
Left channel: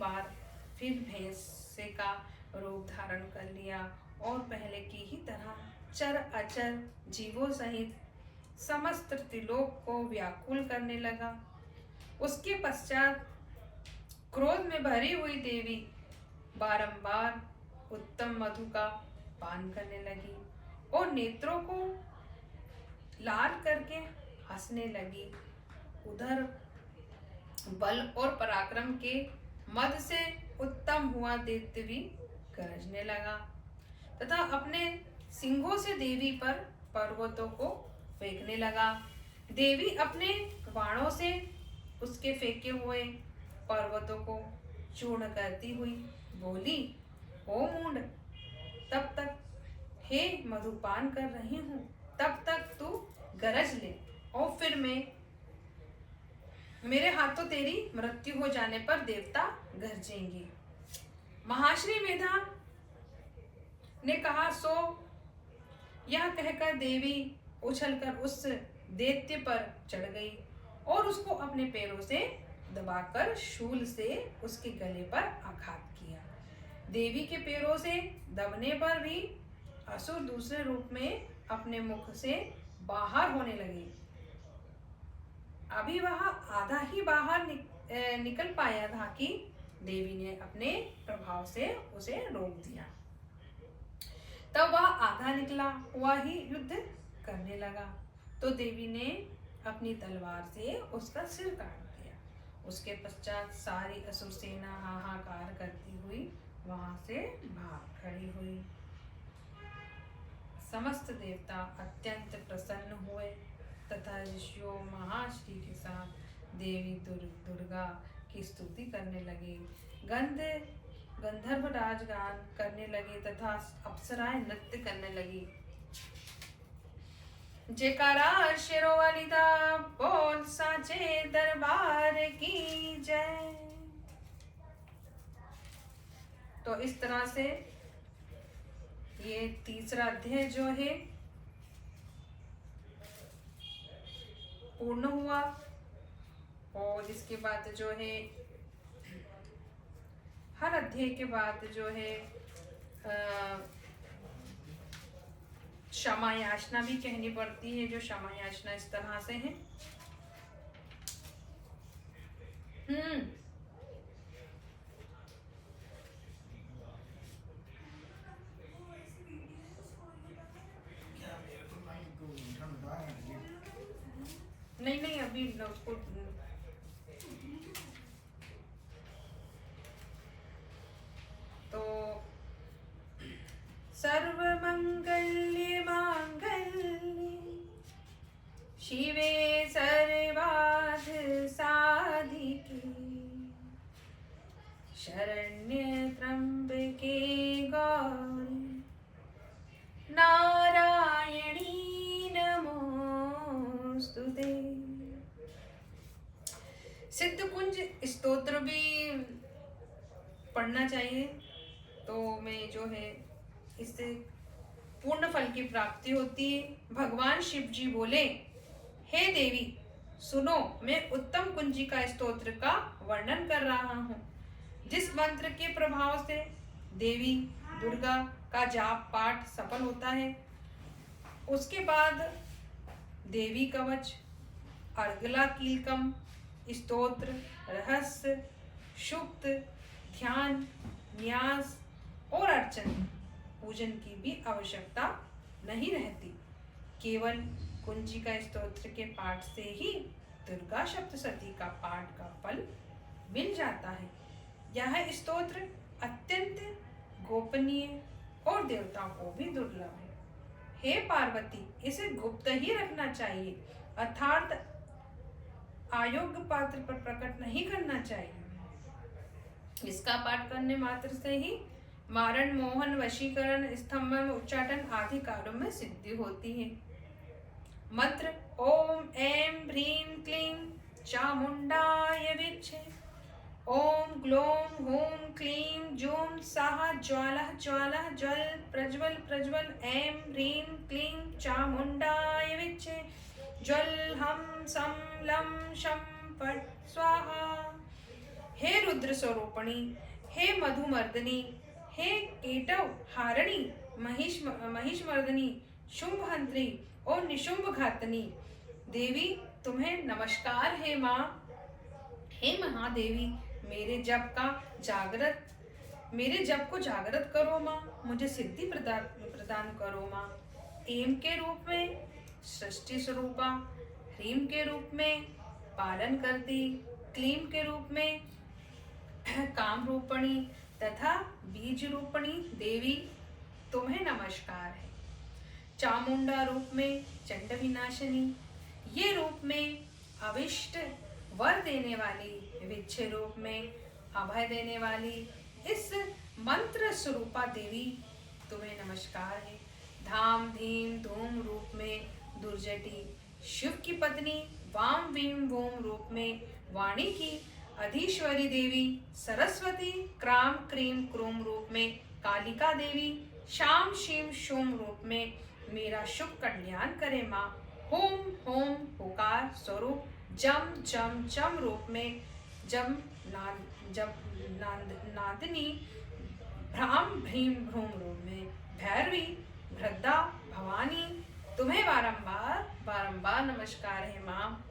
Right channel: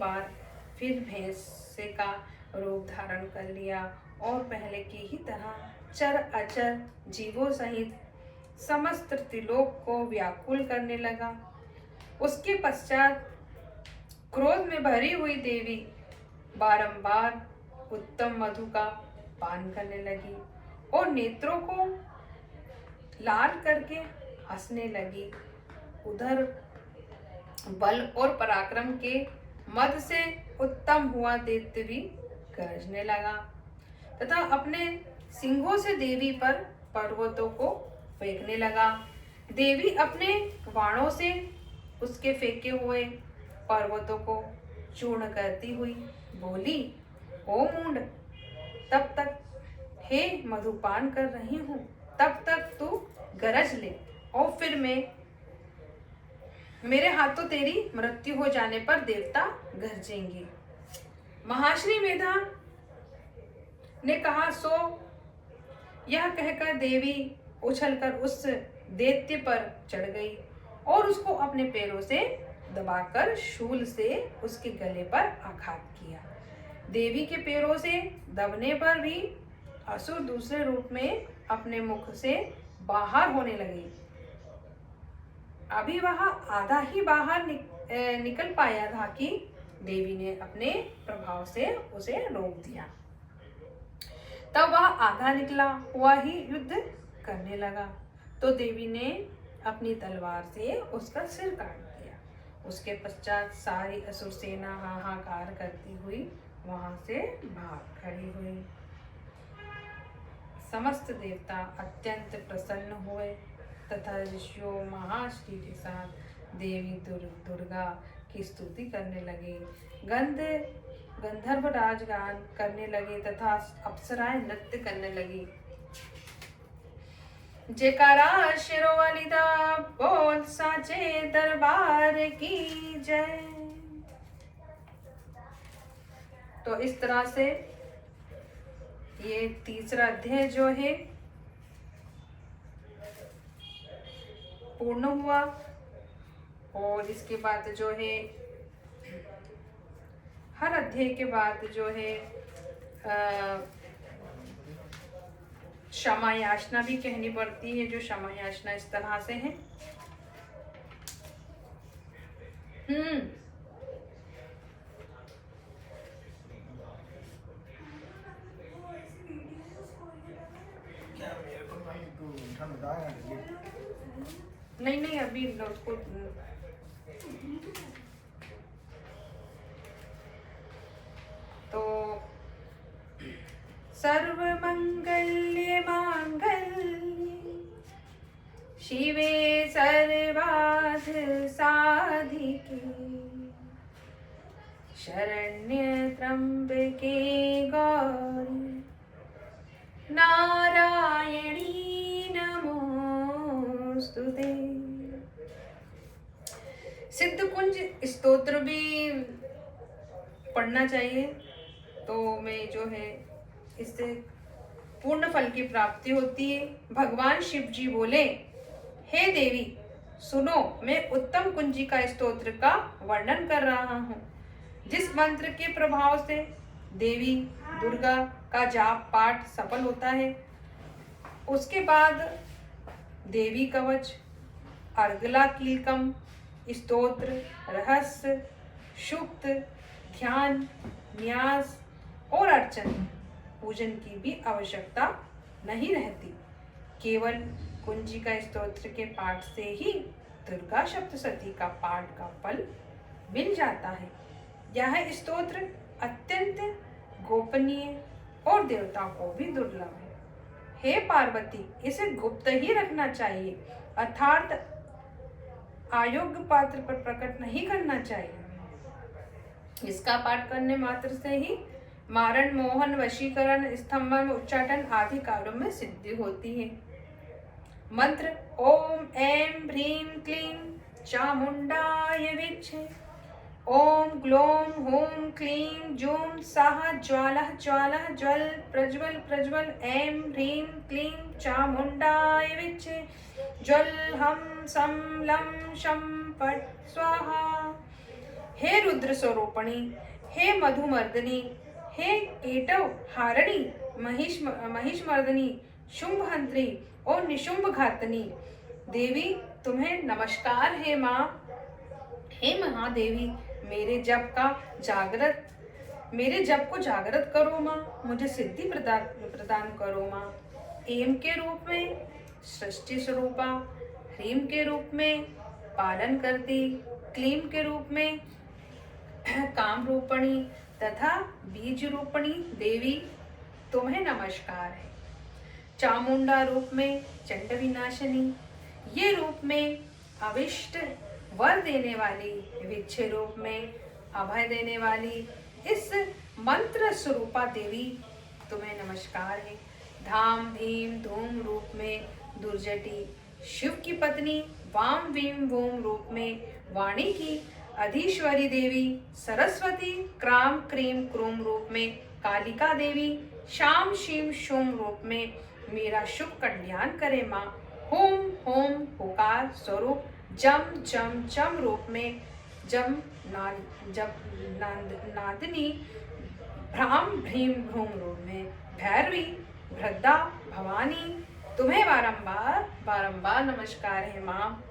बार फिर भैंसे का रूप धारण कर लिया और पहले की ही तरह चर अचर जीवों सहित समस्त त्रिलोक को व्याकुल करने लगा। उसके पश्चात क्रोध में भरी हुई देवी बारंबार उत्तम मधु का पान करने लगी और नेत्रों को लाल करके हंसने लगी। उधर बल और पराक्रम के मद से उत्तम हुआ दैत्य भी गरजने लगा तथा अपने सिंहों से देवी पर पर्वतों को फेंकने लगा। देवी अपने बाणों से उसके फेंके हुए पर्वतों को चूर्ण करती हुई बोली, ओ मूंड, तब तक हे मधुपान कर रही हूँ, तब तक तू गरज ले और फिर मेरे हाथों तेरी मृत्यु हो जाने पर देवता गरजेंगे। महाश्री मेधा ने कहा, सो यह कहकर देवी उछलकर उस दैत्य पर चढ़ गई और उसको अपने पैरों से दबाकर शूल से उसके गले पर आघात किया। देवी के पैरों से दबने पर भी असुर दूसरे रूप में अपने मुख से बाहर होने लगे। अभी वह आधा ही बाहर निकल पाया था कि देवी ने अपने प्रभाव से उसे रोक दिया। तब वह आधा निकला हुआ ही युद्ध करने लगा तो देवी ने अपनी तलवार से उसका सिर काट दिया। उसके पश्चात सारी असुर सेना हाहाकार करती हुई वहां से भाग खड़ी हुई। समस्त देवता अत्यंत प्रसन्न हुए तथा ऋषियों महाश्री के साथ देवी दुर्गा की स्तुति करने लगे। गंधर्व राजगान करने लगे तथा अप्सराएं नृत्य करने लगी। जयकारा शेरों वाली दा बोल साचे दरबार की जय। तो इस तरह से ये तीसरा अध्याय जो है पूर्ण हुआ और इसके बाद जो है हर अध्याय के बाद जो है क्षमा याचना भी कहनी पड़ती है। जो क्षमा याचना इस तरह से है, नहीं नहीं, अभी उसको तो सर्वमंगल्य मांगल्ये शिवे सर्वार्थ साधिके शरण्ये त्र्यंबके गौरी नारायणी नमोस्तुते। सिद्ध कुंज स्तोत्र भी पढ़ना चाहिए, तो मैं जो है इससे पूर्ण फल की प्राप्ति होती है। भगवान शिव जी बोले, हे देवी सुनो, मैं उत्तम कुंजिका स्तोत्र का वर्णन कर रहा हूँ, जिस मंत्र के प्रभाव से देवी दुर्गा का जाप पाठ सफल होता है। उसके बाद देवी कवच, अर्गला कीलकम, स्तोत्र, रहस्य, सुक्त, ध्यान, न्यास और अर्चन पूजन की भी आवश्यकता नहीं रहती। केवल कुंजिका स्तोत्र के पाठ से ही दुर्गा सप्तशती का पाठ का फल मिल जाता है। यह स्तोत्र अत्यंत गोपनीय और देवताओं को भी दुर्लभ है। हे पार्वती, इसे गुप्त ही रखना चाहिए, अर्थात अयोग्य पात्र पर प्रकट नहीं करना चाहिए। इसका पाठ करने मात्र से ही मारण, मोहन, वशीकरण, स्तंभन, उच्चाटन आदि कार्यों में सिद्धि होती है। मंत्र ओम ऐं ह्रीं क्लीं चामुंडाय विच्चे। ओम ग्लोम हूं क्लीं जूं सः ज्वालः ज्वालः ज्वल प्रज्वल प्रज्वल। ऐं ह्रीं क्लीं चामुंडाय विच्चे। ज्वल हम सम लं शं फट् स्वाहा। हे रुद्र स्वरूपणी, हे मधुमर्दिनी, हे केटव हारिणी, महिषमर्दिनी, शुंभहंत्री और निशुंभ घातनी देवी, तुम्हें नमस्कार है माँ। हे महादेवी, मेरे जप को जागृत करो माँ, मुझे सिद्धि प्रदान करो माँ। एम के रूप में सृष्टि स्वरूपा, ह्रीम के रूप में पालन करती, क्लीम के रूप में काम रूपणी तथा बीज रूपणी देवी, तुम्हें नमस्कार है। चामुंडा रूप में चंड विनाशिनी, ये रूप में अविष्ट वर देने वाली, विच्छे रूप में अभय देने वाली इस मंत्र स्वरूपा देवी, तुम्हें नमस्कार है। धाम धीम धूम रूप में दुर्जटी, शिव की पत्नी, वाम वीम वोम रूप में वाणी की अधीश्वरी देवी, सरस्वती, क्राम क्रीम क्रूम रूप में कालिका देवी, शाम शिव शोम रूप में मेरा शुभ कल्याण करे माँ। होम होम होकार स्वरूप, जम जम जम रूप में जम नादिनी, भ्राम भ्रीम भ्रूम रूप में भैरवी, भ्रद्दा, भवानी, तुम्हें बारंबार नमस्कार है माँ।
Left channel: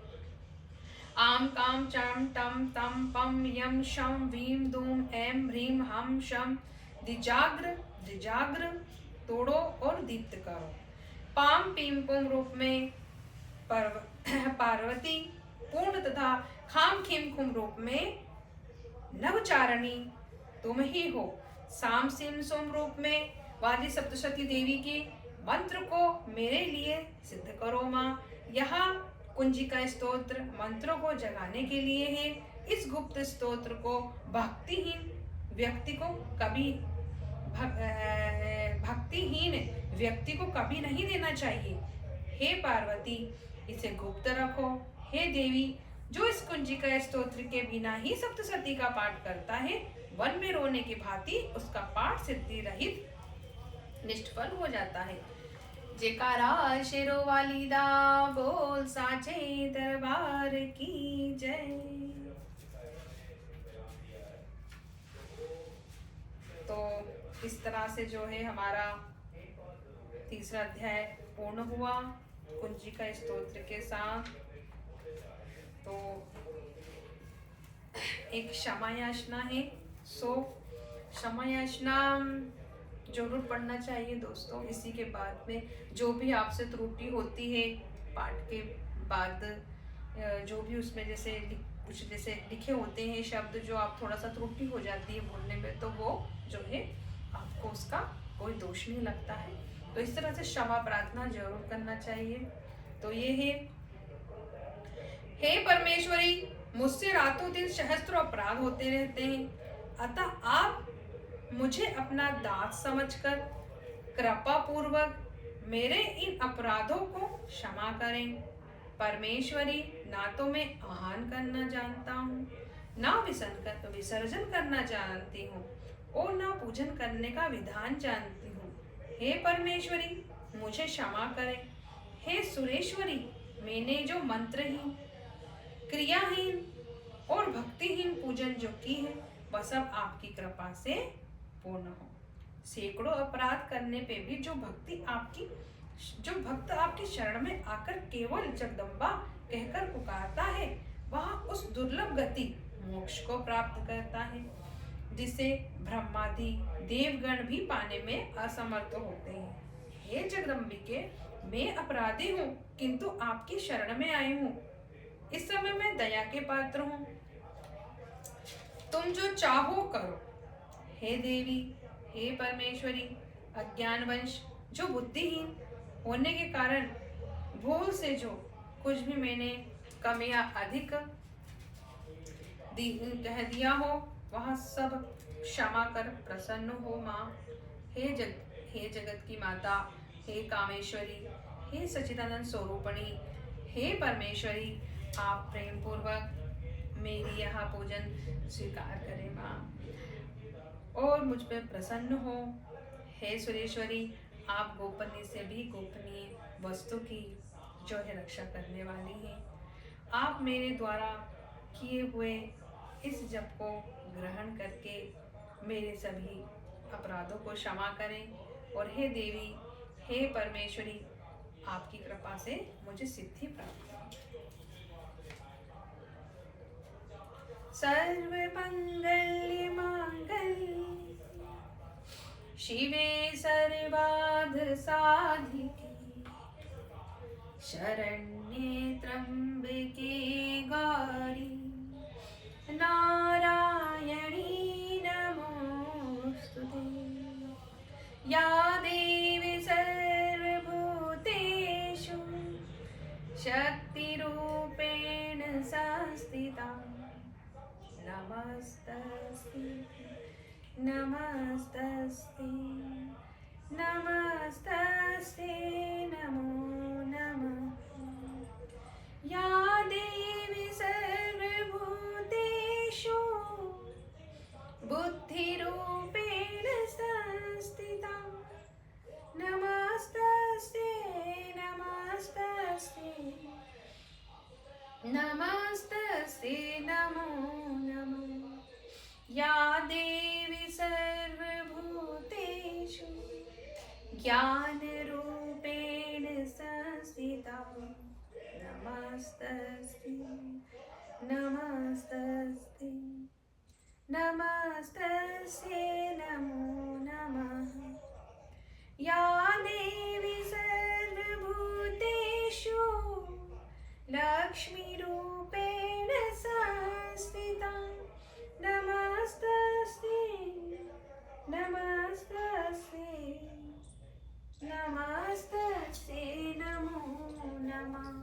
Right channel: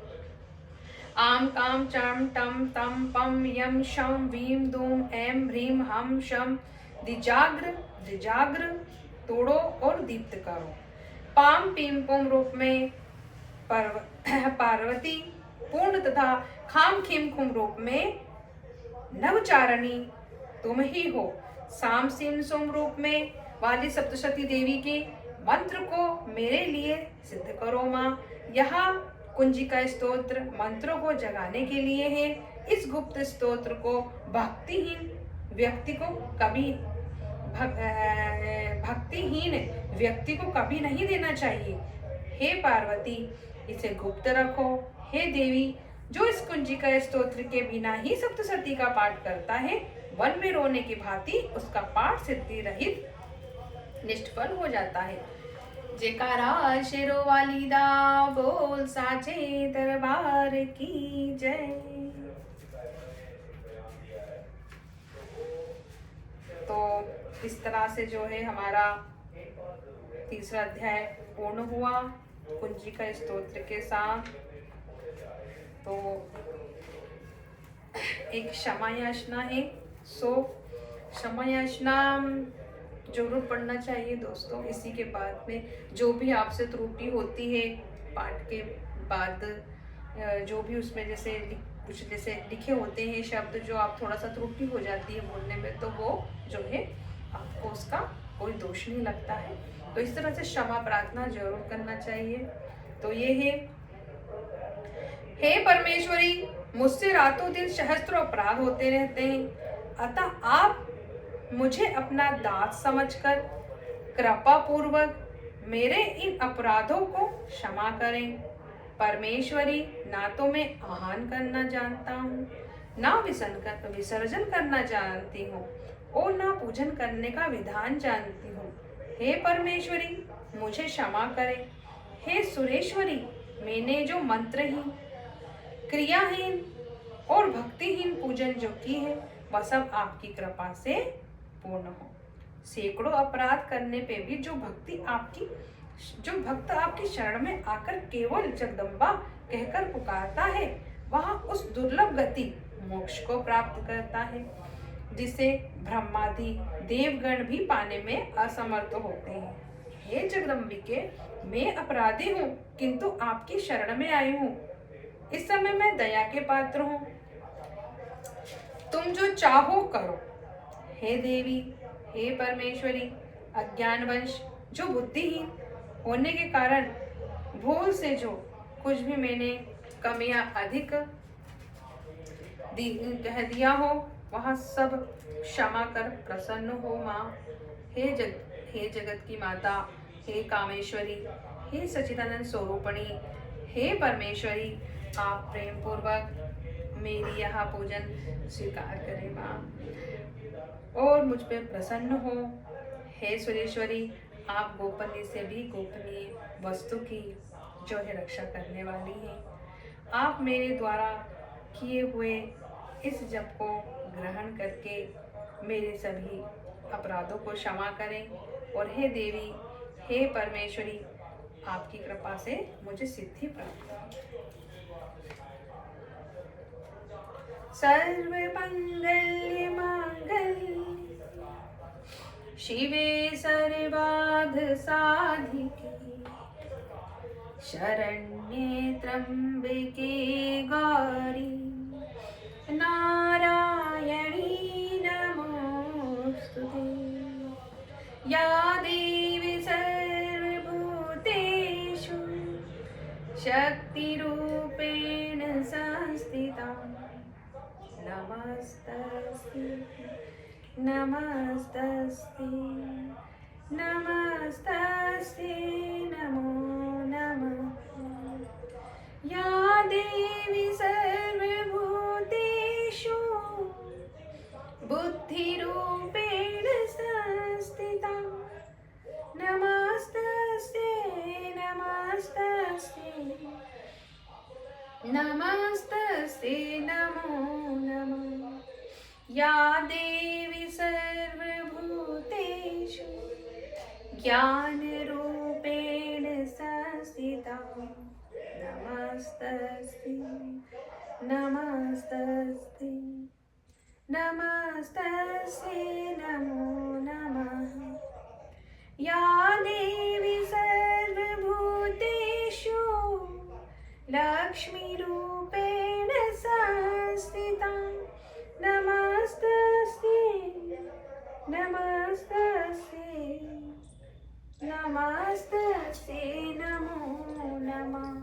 आम काम चाम टम तम पम यम शम वीम दूम ऐं ह्रीम हम शम। द्विजाग्र तोड़ो और दीप्त करो। पाम पीम पुम रूप में पार्वती, पूर्ण तथा खाम खीम खुम रूप में नवचारणी तुम ही हो। साम सिम सोम रूप में वाली सप्तशती देवी के मंत्र को मेरे लिए सिद्ध करो माँ। यहाँ कुंजिका स्तोत्र मंत्रों को जगाने के लिए है। इस गुप्त स्तोत्र को भक्तिहीन व्यक्ति को कभी नहीं देना चाहिए। हे पार्वती, इसे गुप्त रखो। हे देवी, जो इस कुंजिका स्तोत्र के बिना ही सप्तशती का पाठ करता है, वन में रोने की भांति उसका पाठ सिद्धि रहित निष्फल हो जाता है। जयकारा शेरों वाली दा, बोल साचे दरबार की जय। तो इस तरह से जो है हमारा तीसरा अध्याय पूर्ण हुआ कुंजिका स्तोत्र के साथ। तो एक क्षमा याचना है, सो क्षमा याचना जरूर पढ़ना चाहिए दोस्तों। इसी के बाद में जो भी आपसे त्रुटि होती है पाठ के बाद, जो भी उसमें जैसे कुछ जैसे लिखे होते हैं शब्द जो आप थोड़ा सा त्रुटि हो जाती है बोलने में, तो वो जो है आपको उसका कोई दोष नहीं लगता है। तो इस तरह से क्षमा प्रार्थना जरूर करना चाहिए। तो ये है, हे परमेश्वरी, मुझसे रातों दिन सहस्त्रों अपराध होते रहते हैं, अतः आप मुझे अपना दास समझकर कृपा पूर्वक मेरे इन अपराधों को क्षमा करें। परमेश्वरी, ना तो मैं आहान करना जानता हूँ, ना विसर्जन करना जानती हूँ, और ना पूजन करने का विधान जानती हूँ। हे परमेश्वरी, मुझे क्षमा करें। हे सुरेश्वरी, मैंने जो मंत्रहीन, क्रियाहीन और भक्तिहीन पूजन जो की है, वह सब आपकी कृपा से पूर्ण हो। सैकड़ों अपराध करने पे भी जो भक्त आपकी शरण में आकर केवल जगदम्बा कहकर पुकारता है, वह उस दुर्लभ गति मोक्ष को प्राप्त करता है, जिसे ब्रह्मादि देवगण भी पाने में असमर्थ होते हैं। हे जगदम्बिके, मैं अपराधी हूँ, किंतु आपकी शरण में आई हूँ। इस समय मैं दया के पात्र हूँ, तुम जो चाहो करो। हे देवी, हे परमेश्वरी, अज्ञानवश जो बुद्धिहीन होने के कारण भूल से जो कुछ भी मैंने कमियां अधिक कह दिया हो, वह सब क्षमा कर प्रसन्न हो माँ। हे जगत की माता, हे कामेश्वरी, हे सच्चिदानंद स्वरूपणी, हे परमेश्वरी, आप प्रेम पूर्वक मेरी यह पूजन स्वीकार करें माँ, और मुझ पे प्रसन्न हो। हे सुरेश्वरी, आप गोपनीय से भी गोपनीय वस्तु की जो है रक्षा करने वाली हैं। आप मेरे द्वारा किए हुए इस जप को ग्रहण करके मेरे सभी अपराधों को क्षमा करें। और हे देवी, हे परमेश्वरी, आपकी कृपा से मुझे सिद्धि प्राप्त हो। सर्वमंगल मांगल्ये शिवे सर्वार्थ साधिके, शरण्ये त्र्यंबके गौरी, नारायणी नमोस्तुते। या देवी सर्वभूतेषु शक्तिरूपेण संस्थिता, नमस्तस्यै नमस्तस्यै नमस्तस्यै नमो नमः। या देवी सर्वभूतेषु बुद्धिरूपेण संस्थिता, नमस्तस्यै नमस्तस्यै नमस्तस्यै नमो नमः। या देवी सर्वभूतेषु ज्ञानरूपेण संस्थिता, नमस्तस्यै नमस्तस्यै नमस्तस्यै नमो नमः। या देवी सर्वभूतेषु लक्ष्मीरूपेण संस्थिता, नमस्तस्यै नमस्तस्यै नमस्तस्यै नमो नमः।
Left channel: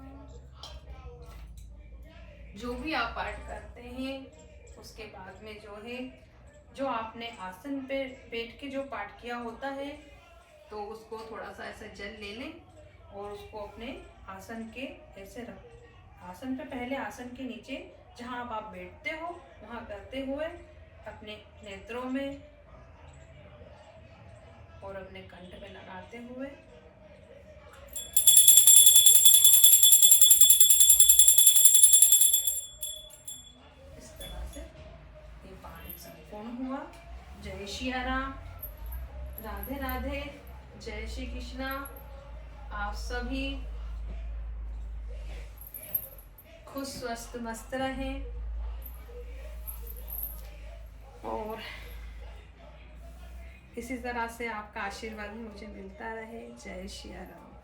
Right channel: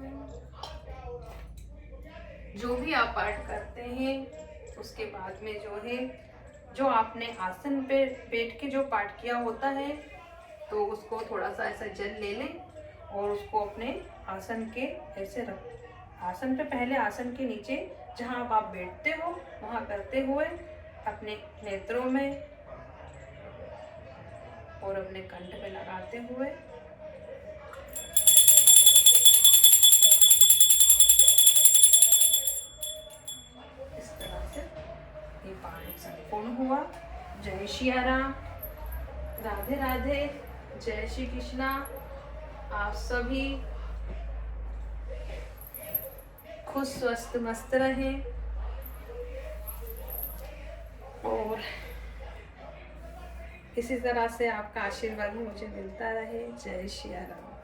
जो भी आप पाठ करते हैं उसके बाद में जो है, जो आपने आसन पे बैठ के जो पाठ किया होता है, तो उसको थोड़ा सा ऐसा जल ले लें और उसको अपने आसन के ऐसे रख, आसन पे पहले आसन के नीचे जहाँ आप बैठते हो वहाँ करते हुए अपने नेत्रों में और अपने कंठ पे लगाते हुए इस तरह से ये पाठ संपूर्ण हुआ। जय श्री राम, राधे राधे, जय श्री कृष्णा। आप सभी खुश स्वस्थ मस्त रहें और इसी तरह से आपका आशीर्वाद मुझे मिलता रहे। जय श्री राम।